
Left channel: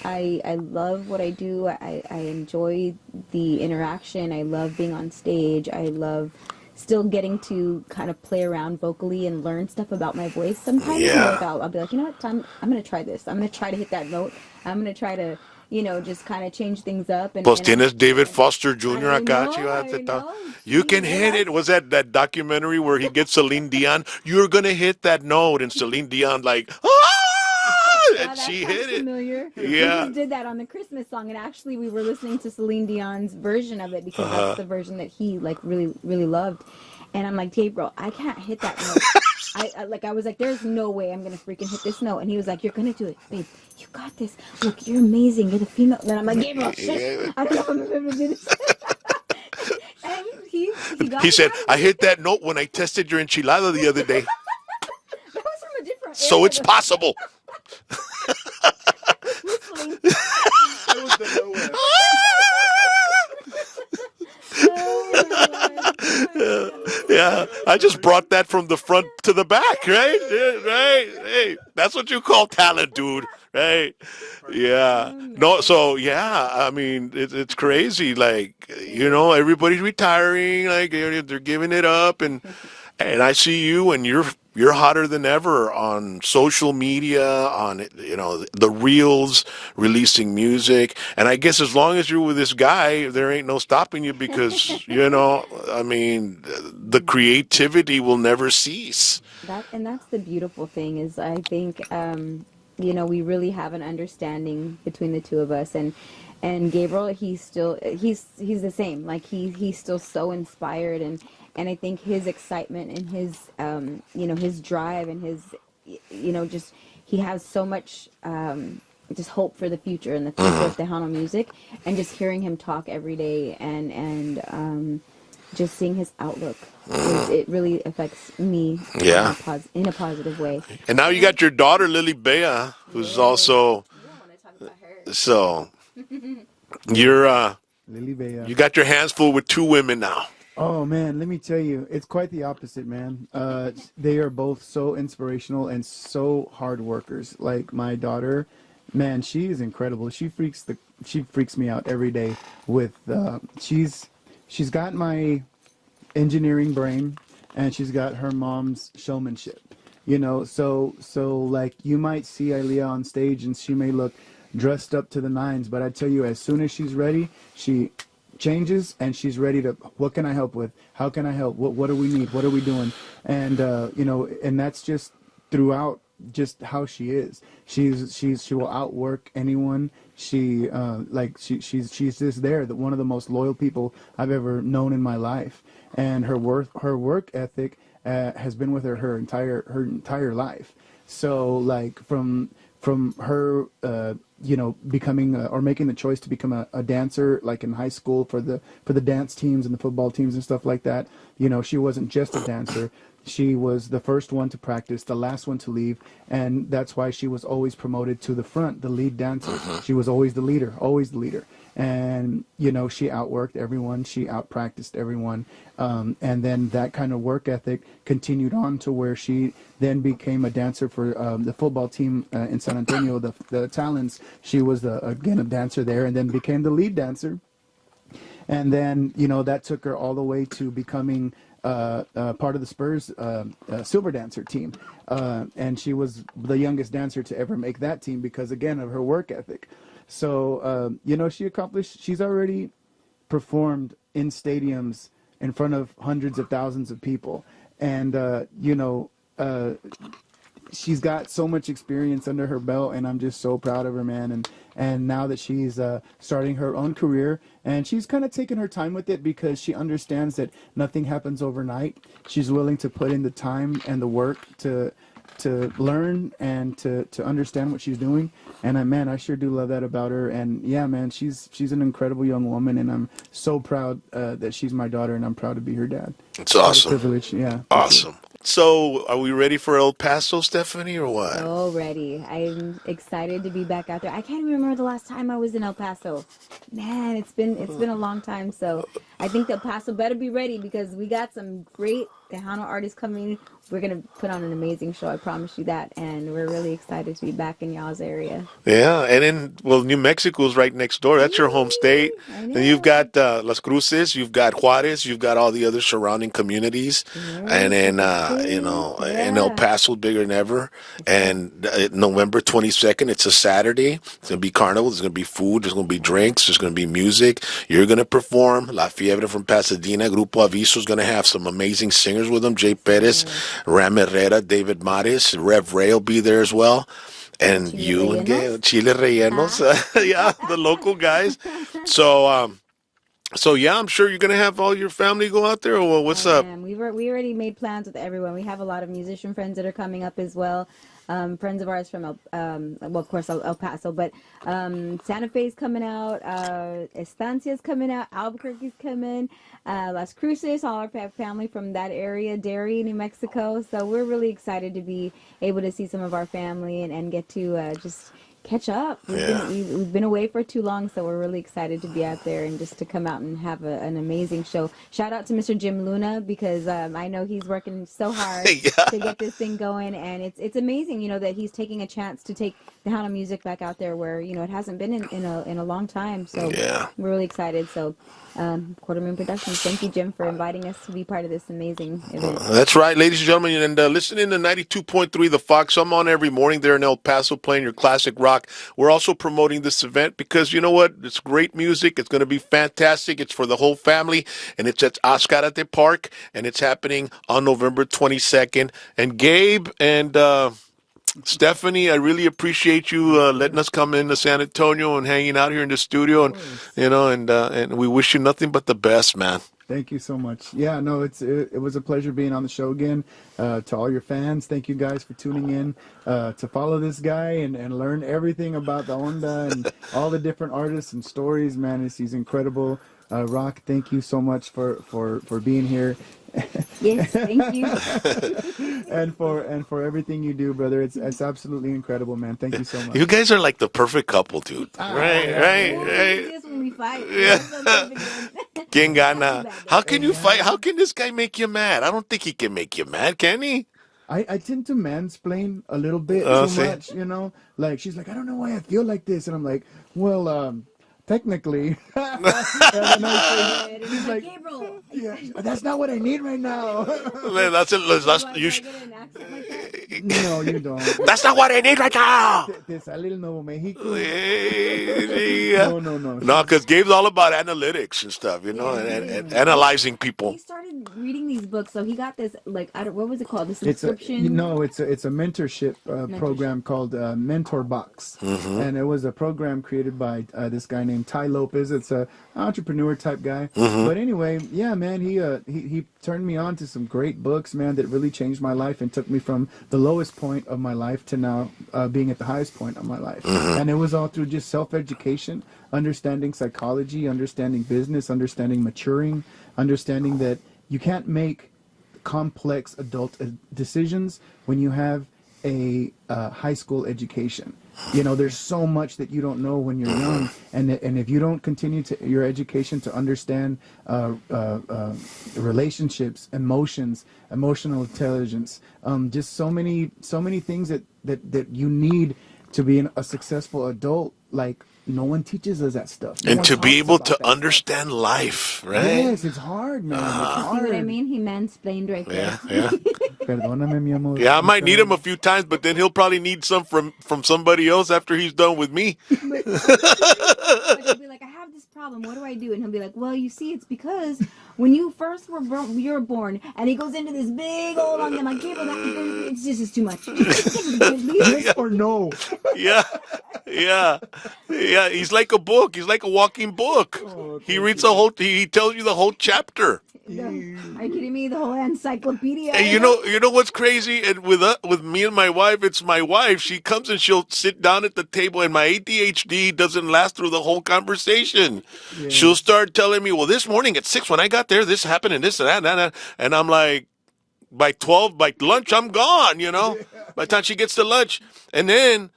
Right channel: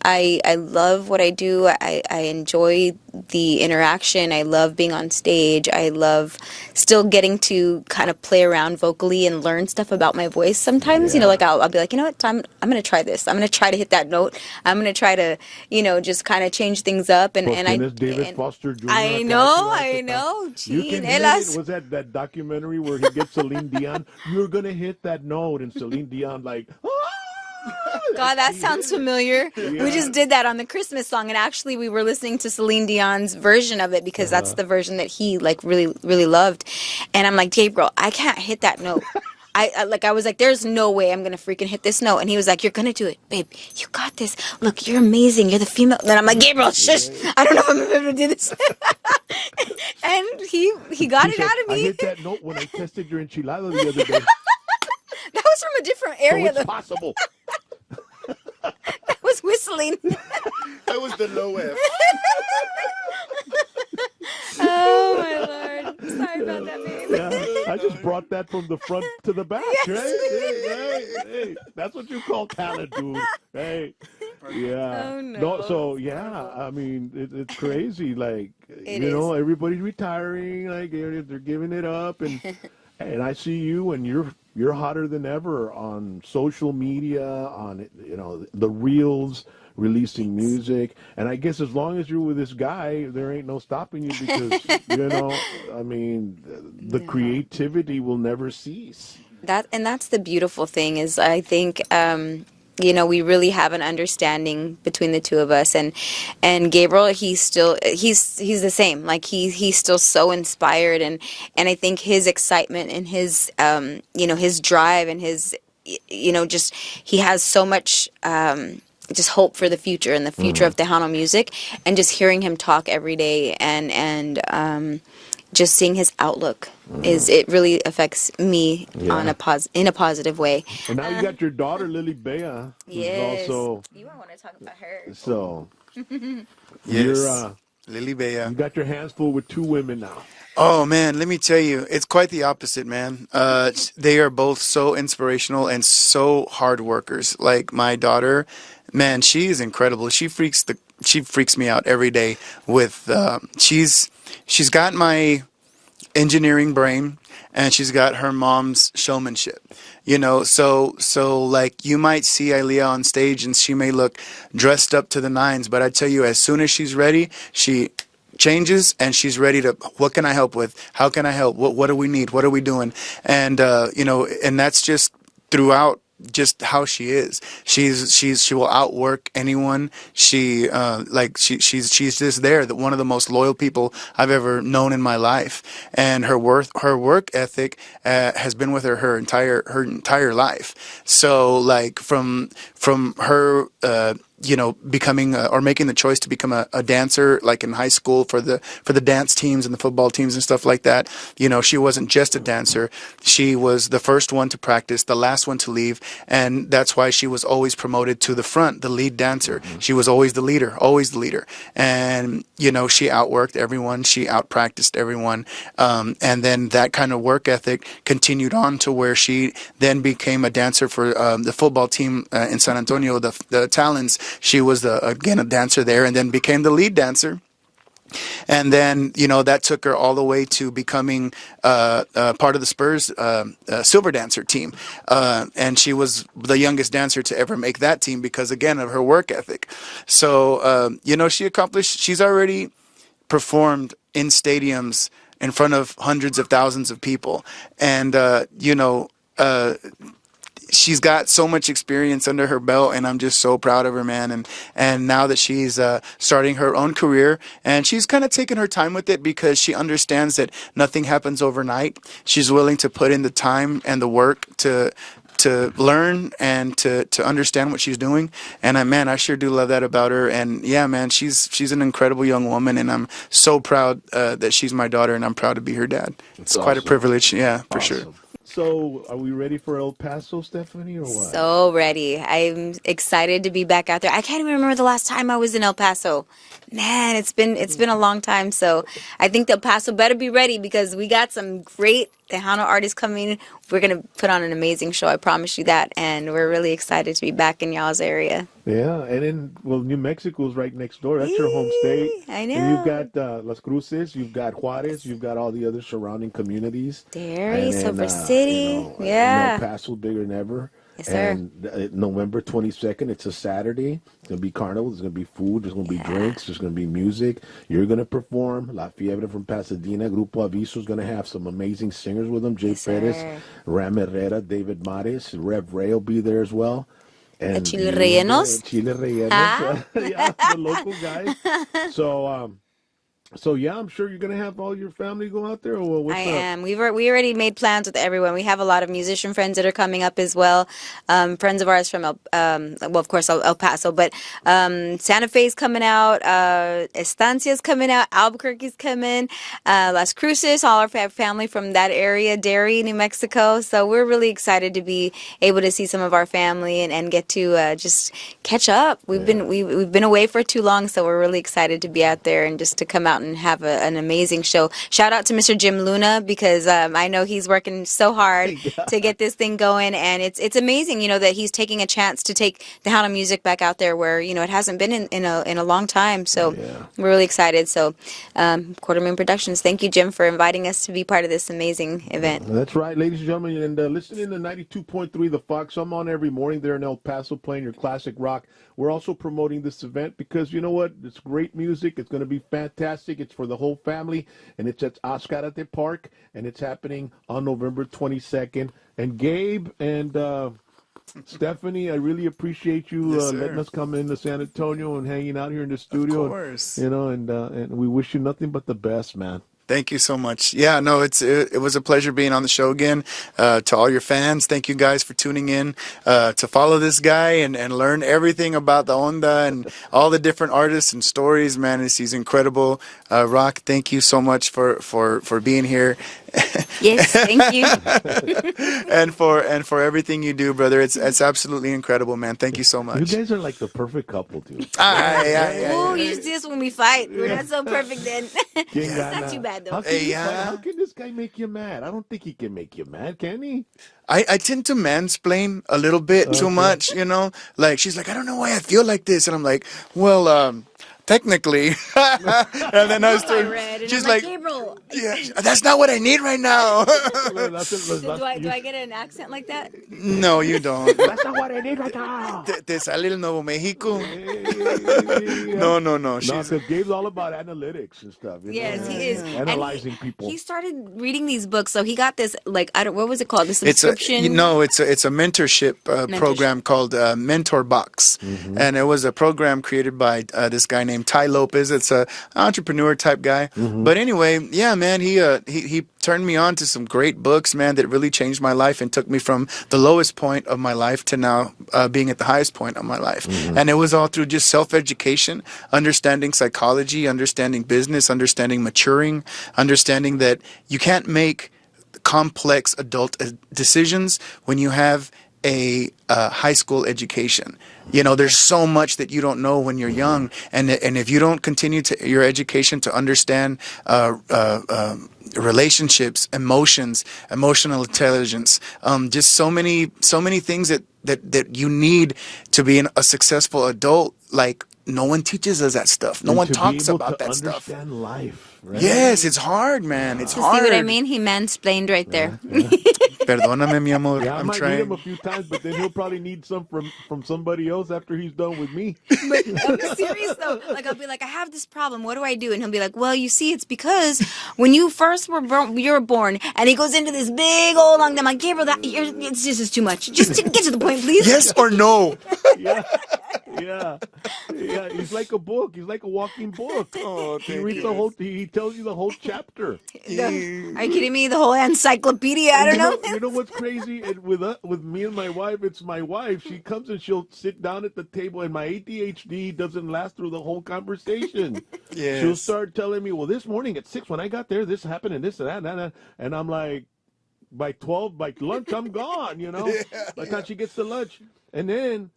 I love what I do. I enjoy the interaction. I love being on stage. I love still getting to kind of play around vocally and learn stuff about my voice sometimes. You know, Yeah. like I'll be like, you know what, I'm going to try this. I'm going to try to hit that note. I'm going to try to, you know, just kind of change things up. And, Pues and tienes David Foster Jr. I acá, know, chico, I ahí está. know. You can hit Chinelas. it. Was that documentary where he gets Celine Dion? You're going to hit that note, and Celine Dion like, ah! God, And that she sounds hit it. familiar. We Yeah. just did that on the Christmas song, and actually we were listening to Celine Dion's version of it because that's the version that he like really, really loved. And I'm like, Gabriel, I can't hit that note. I was like, there's no way I'm gonna freaking hit this note. And he was like, you're gonna do it, babe. You got this. Look, you're amazing. You're the female. And I'm like, Gabriel, shush. I don't know if I'm gonna be able to do this. And he got He it said, out of me. I hit that note when I tested your enchilada the other day. That was from a different area. So it's though. possible. I was whistling. That was the nowhere. Oh my Lord. Sorry. Yeah, I just brought that from the front to the back, right? Yeah, right. Hey, that's what you call talent, dude. Right? Yeah. Oh, No. So yeah, I mean, it's crazy. Like you know, everybody's retiring. Like they're giving it up, and I see you, and you're hotter than ever on social media, on you know the reels, releasing music, and I guess as long as you're with this guy, there ain't no stopping you because you know, I mean, the creativity will never cease. That's the beautiful thing is I think you know, we really have an understanding between the two of us, and Gabriel, he's the same. Like he's still so inspired, and I think his excitement and his you know, his drive and his, you know, just he has so much just hope for the future and the future of Tejano music, and just hearing him talk every day and just seeing his outlook it really affects me Yeah. in a positive way. And now you got your daughter, Lily Bea, who's Yes. also, You don't want to talk about her. so you're, Lily Bea. you got your hands full with two women now. Oh man, let me tell you, it's quite the opposite, man. They are both so inspirational and so hard workers. Like my daughter, man, she is incredible. She freaks me out every day with she's got my engineering brain and she's got her mom's showmanship. You know, so like you might see Ilea on stage and she may look dressed up to the nines, but I tell you, as soon as she's ready, she changes and she's ready to, what can I help with? How can I help? What do we need? What are we doing? And you know, and that's just throughout just how she is. She will outwork anyone. She's just there, that one of the most loyal people I've ever known in my life. And her work ethic has been with her entire life. So like from her you know, becoming or making the choice to become a dancer, like in high school for the dance teams and the football teams and stuff like that. You know, she wasn't just a dancer. She was the first one to practice, the last one to leave. And that's why she was always promoted to the front, the lead dancer. She was always the leader. And, you know, she outworked everyone. She outpracticed everyone. And then that kind of work ethic continued on to where she then became a dancer for the football team in San Antonio, the Talons. She was again a dancer there, and then became the lead dancer. And then, you know, that took her all the way to becoming part of the Spurs silver dancer team. And she was the youngest dancer to ever make that team because, again, of her work ethic. So, you know, she's already performed in stadiums in front of hundreds of thousands of people. And, you know, she's got so much experience under her belt, and I'm just so proud of her, man. And now that she's starting her own career, and she's kind of taking her time with it because she understands that nothing happens overnight. She's willing to put in the time and the work to learn and to understand what she's doing. And I sure do love that about her. And yeah, man, she's an incredible young woman, and I'm so proud that she's my daughter, and I'm proud to be her dad. It's quite awesome. a privilege. Yeah, for Awesome. sure. So, are we ready for El Paso, Stephanie, or what? So ready. I'm excited to be back out there. I can't even remember the last time I was in El Paso. Man, it's been a long time. So I think El Paso better be ready because we got some great Tejano artists coming. We're going to put on an amazing show. I promise you that. And we're really excited to be back in y'all's area. Yeah, and then, well, New Mexico's right next door. That's your home state. I know. And you've got Las Cruces, you've got Juarez, you've got all the other surrounding communities. And then, you know, and El Paso bigger than ever. Yes, sir. And November 22nd, it's a Saturday. It's going to be carnival. There's going to be food. There's going to be drinks. There's going to be music. You're going to perform. La Fiebre from Pasadena. Grupo Aviso is going to have some amazing singers with them. Jay Perez, Ram Herrera, David Mares, Rev Ray will be there as well. And Chile Rellenos. Chile Rellenos. Yeah, the local guys. So yeah, I'm sure you're gonna have all your family go out there. Or what's up? We already made plans with everyone. We have a lot of musician friends that are coming up as well. Friends of ours from well, of course, El Paso, but Santa Fe's coming out. Estancia's coming out. Albuquerque's coming. Las Cruces, all our family from that area, Derry, New Mexico. So we're really excited to be able to see some of our family and get to just catch up. We've been away for too long, so we're really excited to be out there and just to come out and have an amazing show. Shout out to Mr. Jim Luna because I know he's working so hard to get this thing going, and it's amazing, you know, that he's taking a chance to take Tejano music back out there where, you know, it hasn't been in a long time. So we're really excited. So Quarter Moon Productions, thank you, Jim, for inviting us to be part of this amazing event. That's right, ladies and gentlemen, and listening to 92.3 The Fox. I'm on every morning there in El Paso playing your classic rock. We're also promoting this event because, you know what, it's great music. It's going to be fantastic. It's for the whole family, and it's at Ascarate Park, and it's happening on November 22nd. And Gabe and Stephanie, I really appreciate you letting us come into San Antonio and hanging out here in the studio. And you know, and we wish you nothing but the best, man. Thank you so much. Yeah, no, it was a pleasure being on the show again. To all your fans, thank you guys for tuning in to follow this guy and learn everything about the onda and all the different artists and stories. Man, he's incredible. Rock, thank you so much for being here. Yes, thank you. and for everything you do, brother. It's absolutely incredible, man. Thank you so much. You guys are like the perfect couple, dude. Ooh, we do this when we fight. That's so perfect then. ¿Quién Not gana? too bad, though. How can you Yeah. fight? How can this guy make you mad? I don't think he can make you mad, can he? I tend to mansplain a little bit too much, you know? Like, she's like, I don't know why I feel like this. And I'm like, well, technically. And then I was she's like, Gabriel. yeah, that's not what I need right now. That's it. Do I get an accent like that? No, you don't. That's not what I need right now. Te sale el Nuevo Mexico. No, No. No, because Gabe's all about analytics and stuff, you know, Yes, he and is. analyzing people. He started reading these books, so he got this what was it called? The It's a subscription. it's a mentorship program called Mentor Box, and it was a program created by this guy named Ty Lopez. It's a entrepreneur type guy, but anyway, yeah, man, he turned me on to some great books, man, that really changed my life and took me from the lowest point of my life to now being at the highest point of my life, and it was all through just self-education, understanding psychology, understanding business, understanding maturing, understanding that you can't make complex adult decisions when you have a high school education. You know, there's so much that you don't know when you're young, and if you don't continue your education to understand relationships, emotions, emotional intelligence, just so many things that you need to be a successful adult. Like, no one teaches us that stuff. No And one to talks be able about to that stuff. understand life, right? Yes, it's hard, man. It's hard. See what I mean? He mansplained right there. Perdóname, mi amor. Yeah, I I'm might need trying. him a few times, but then he'll probably need some from somebody else after he's done with me. But I'm serious though. Like, I'll be like, I have this problem. What do I do? And he'll be like, well, you see, it's because when you first were born, and he goes into this big old long. I'm like, Gabriel, it's just too much. Just get to the point, please. Yes or no? Yeah. He's like a book. He's like a walking book. He reads the whole. He tells you the whole chapter. Are you kidding me? The whole encyclopedia. I And don't know. you know what's crazy? And with me and my wife, it's my wife. She comes and she'll sit down at the table, and my ADHD doesn't last through the whole conversation. Yes. She'll start telling me, "Well, this morning at 6 when I got there, this happened and this and that," and I'm like, by 12, by lunch, I'm gone. You know, by the time she gets to lunch, and then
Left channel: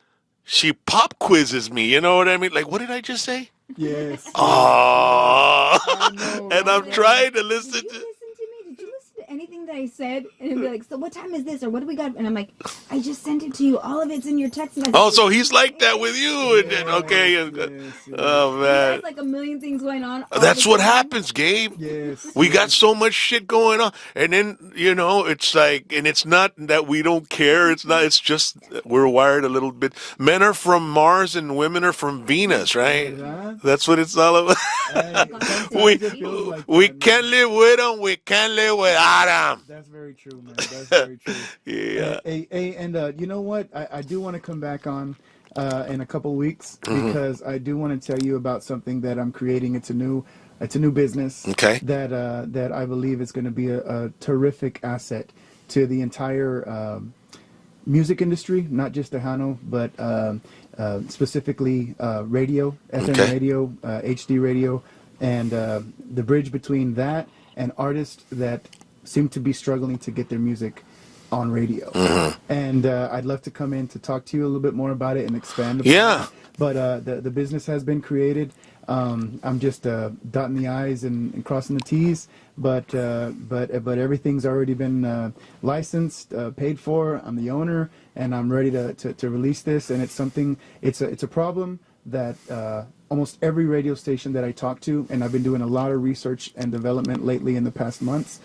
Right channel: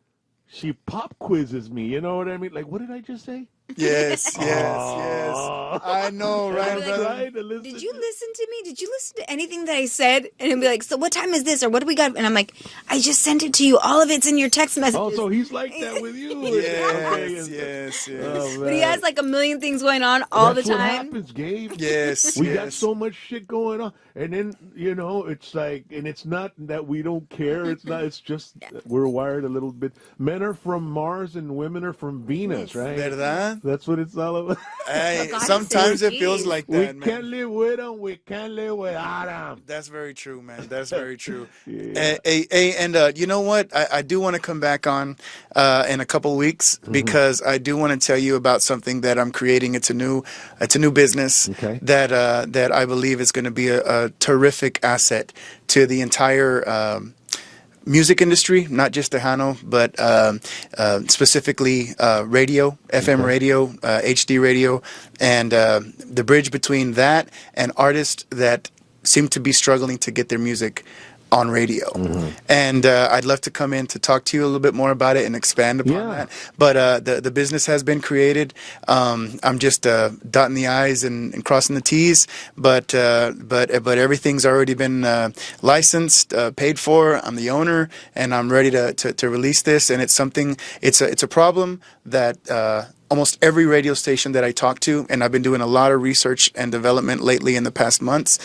she pop quizzes me. You know what I mean? Like, what did I just say? Yes. Oh, I know. and I'm right? trying to listen. Did you listen to me? Did you listen to anything that I said? And he'll be like, so what time is this? Or what do we got? And I'm like, I just sent it to you. All of it's in your text message. Oh, so he's like that with you. Okay. Yes. Oh, He man. has like a million things going on all That's the what time. happens, Gabe. Yes. We got so much shit going on. And then, you know, it's like, and it's not that we don't care. It's not, it's just we're wired a little bit. Men are from Mars and women are from Venus, right? ¿Verdad? That's what it's all about. Hey, sometimes it feels like that, We man. can't live with them. We can't live without them. That's very true, man. That's very true. Yeah. And you know what? I do want to come back on in a couple weeks because I do want to tell you about something that I'm creating. It's a new business. Okay. That I believe is going to be a terrific asset to the entire music industry, not just Tejano, but specifically radio, FM Okay. radio, HD radio, and the bridge between that and artists that seem to be struggling to get their music on radio. And I'd love to come in to talk to you a little bit more about it and expand upon Yeah. that. But the business has been created. I'm just dotting the I's and crossing the T's. But everything's already been licensed, paid for. I'm the owner, and I'm ready to release this. And it's a problem that almost every radio station that I talk to, and I've been doing a lot of research and development lately in the past months.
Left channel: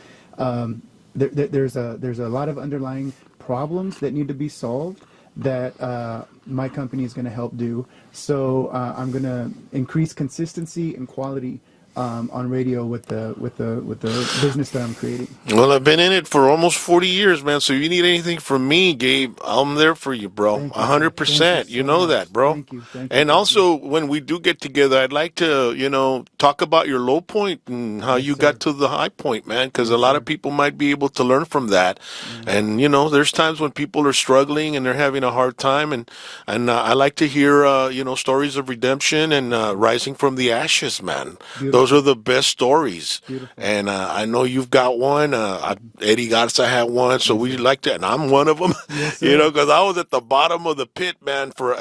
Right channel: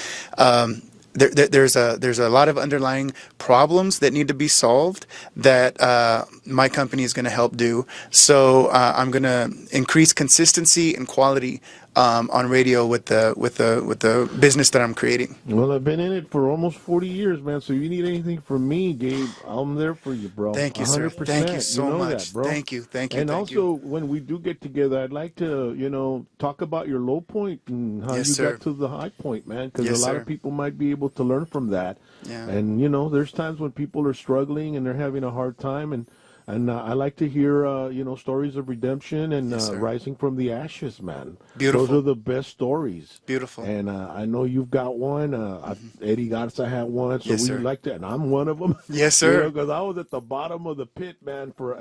There's a lot of underlying problems that need to be solved that my company is going to help do. So I'm going to increase consistency and quality on radio with the business that I'm creating. Well, I've been in it for almost 40 years, man. So if you need anything from me, Gabe, I'm there for you, bro. Thank you, sir. 100%. Thank you so You know much. that, bro. Thank you. And Thank also, when we do get together, I'd like to, talk about your low point and how Yes, you sir. got to the high point, man. Because Yes, a lot sir. of people might be able to learn from that. And, there's times when people are struggling and they're having a hard time. And I like to hear, stories of redemption and rising from the ashes, man. Beautiful. Those are the best stories. Beautiful. And I know you've got one. Eddie Garza had one, so Yes, we sir. like to, and I'm one of them. Yes, sir. Because I was at the bottom of the pit, man, for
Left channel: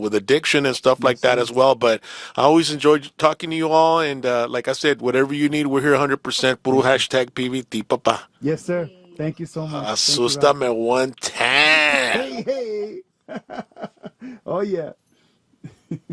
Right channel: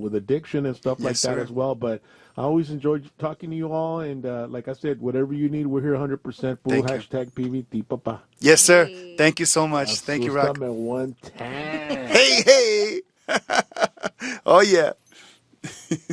with addiction and stuff like that sir. as well. But I always enjoyed talking to you all, and like I said, whatever you need, we're here 100%. Puro hashtag PVT, papa. Yes, sir. Thank you so much. Thank you, Rock. Asústame one time. Hey, hey. Oh, yeah.